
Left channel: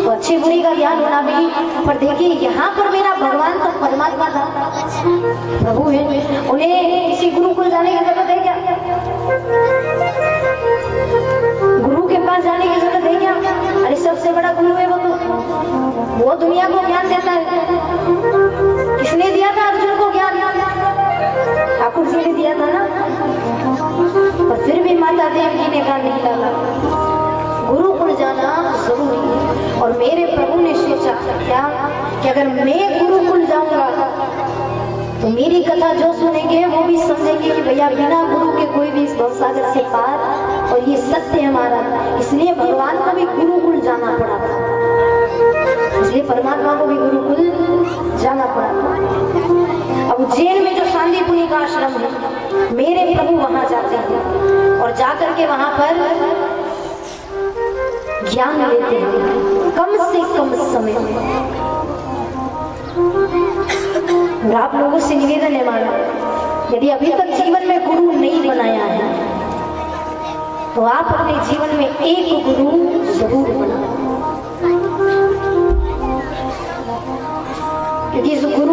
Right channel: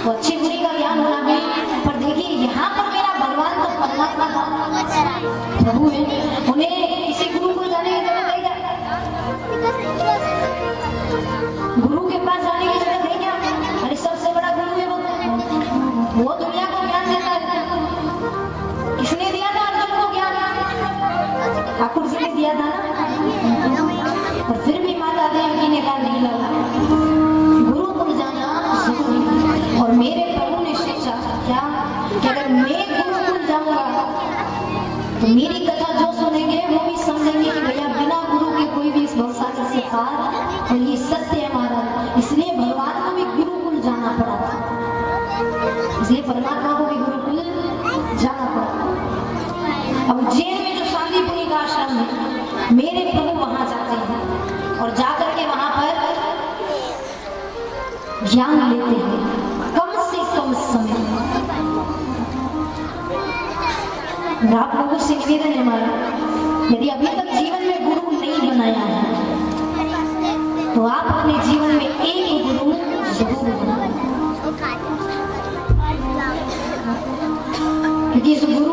तो अच्छी बुरी का ज्ञान होना भी, पर देखिए यहाँ पर मेरा भगवान तो परमात्मा था, प्रभु है, उन्हें किसी गुरु को जाने की जरूरत है क्या? गुरु के पास जाने की जरूरत है क्या? अरे सबसे बड़ा गुरु है वो दुनिया को ज्ञान देता है। किसने दिया था अर्जुन को ज्ञान? ठाकुर जी ने दिया था ना। और फिर भी माता देवकी ने कहा नहीं लाला गुरुकुल जाना जरूरी है। और मेरे प्रभु ने सोचा क्या कि अगर मैं गुरुकुल जाऊंगा तो मेरी कथा जो सुनेंगे वो भी समझेंगे कि भैया बिना गुरु के कोई भी इस भवसागर से पार, और ये सत्य है हमारा। इसलिए भगवान को भी गुरुकुल जाना पड़ा था, इसलिए परमात्मा को भी गुरुकुल जाना पड़ा। अब उज्जैन में जो सांदीपुनी का आश्रम है, मेरे प्रभु वहां जाते हैं और जाकर के वहां पर ज्ञान लेते हैं कम से कम समय में। आप लोगों से निवेदन है हमारा, यदि अभी तक जीवन में गुरु नहीं बनाया है तो आप अपने जीवन में एक गुरु जरूर बनाएं, क्योंकि इस गुरु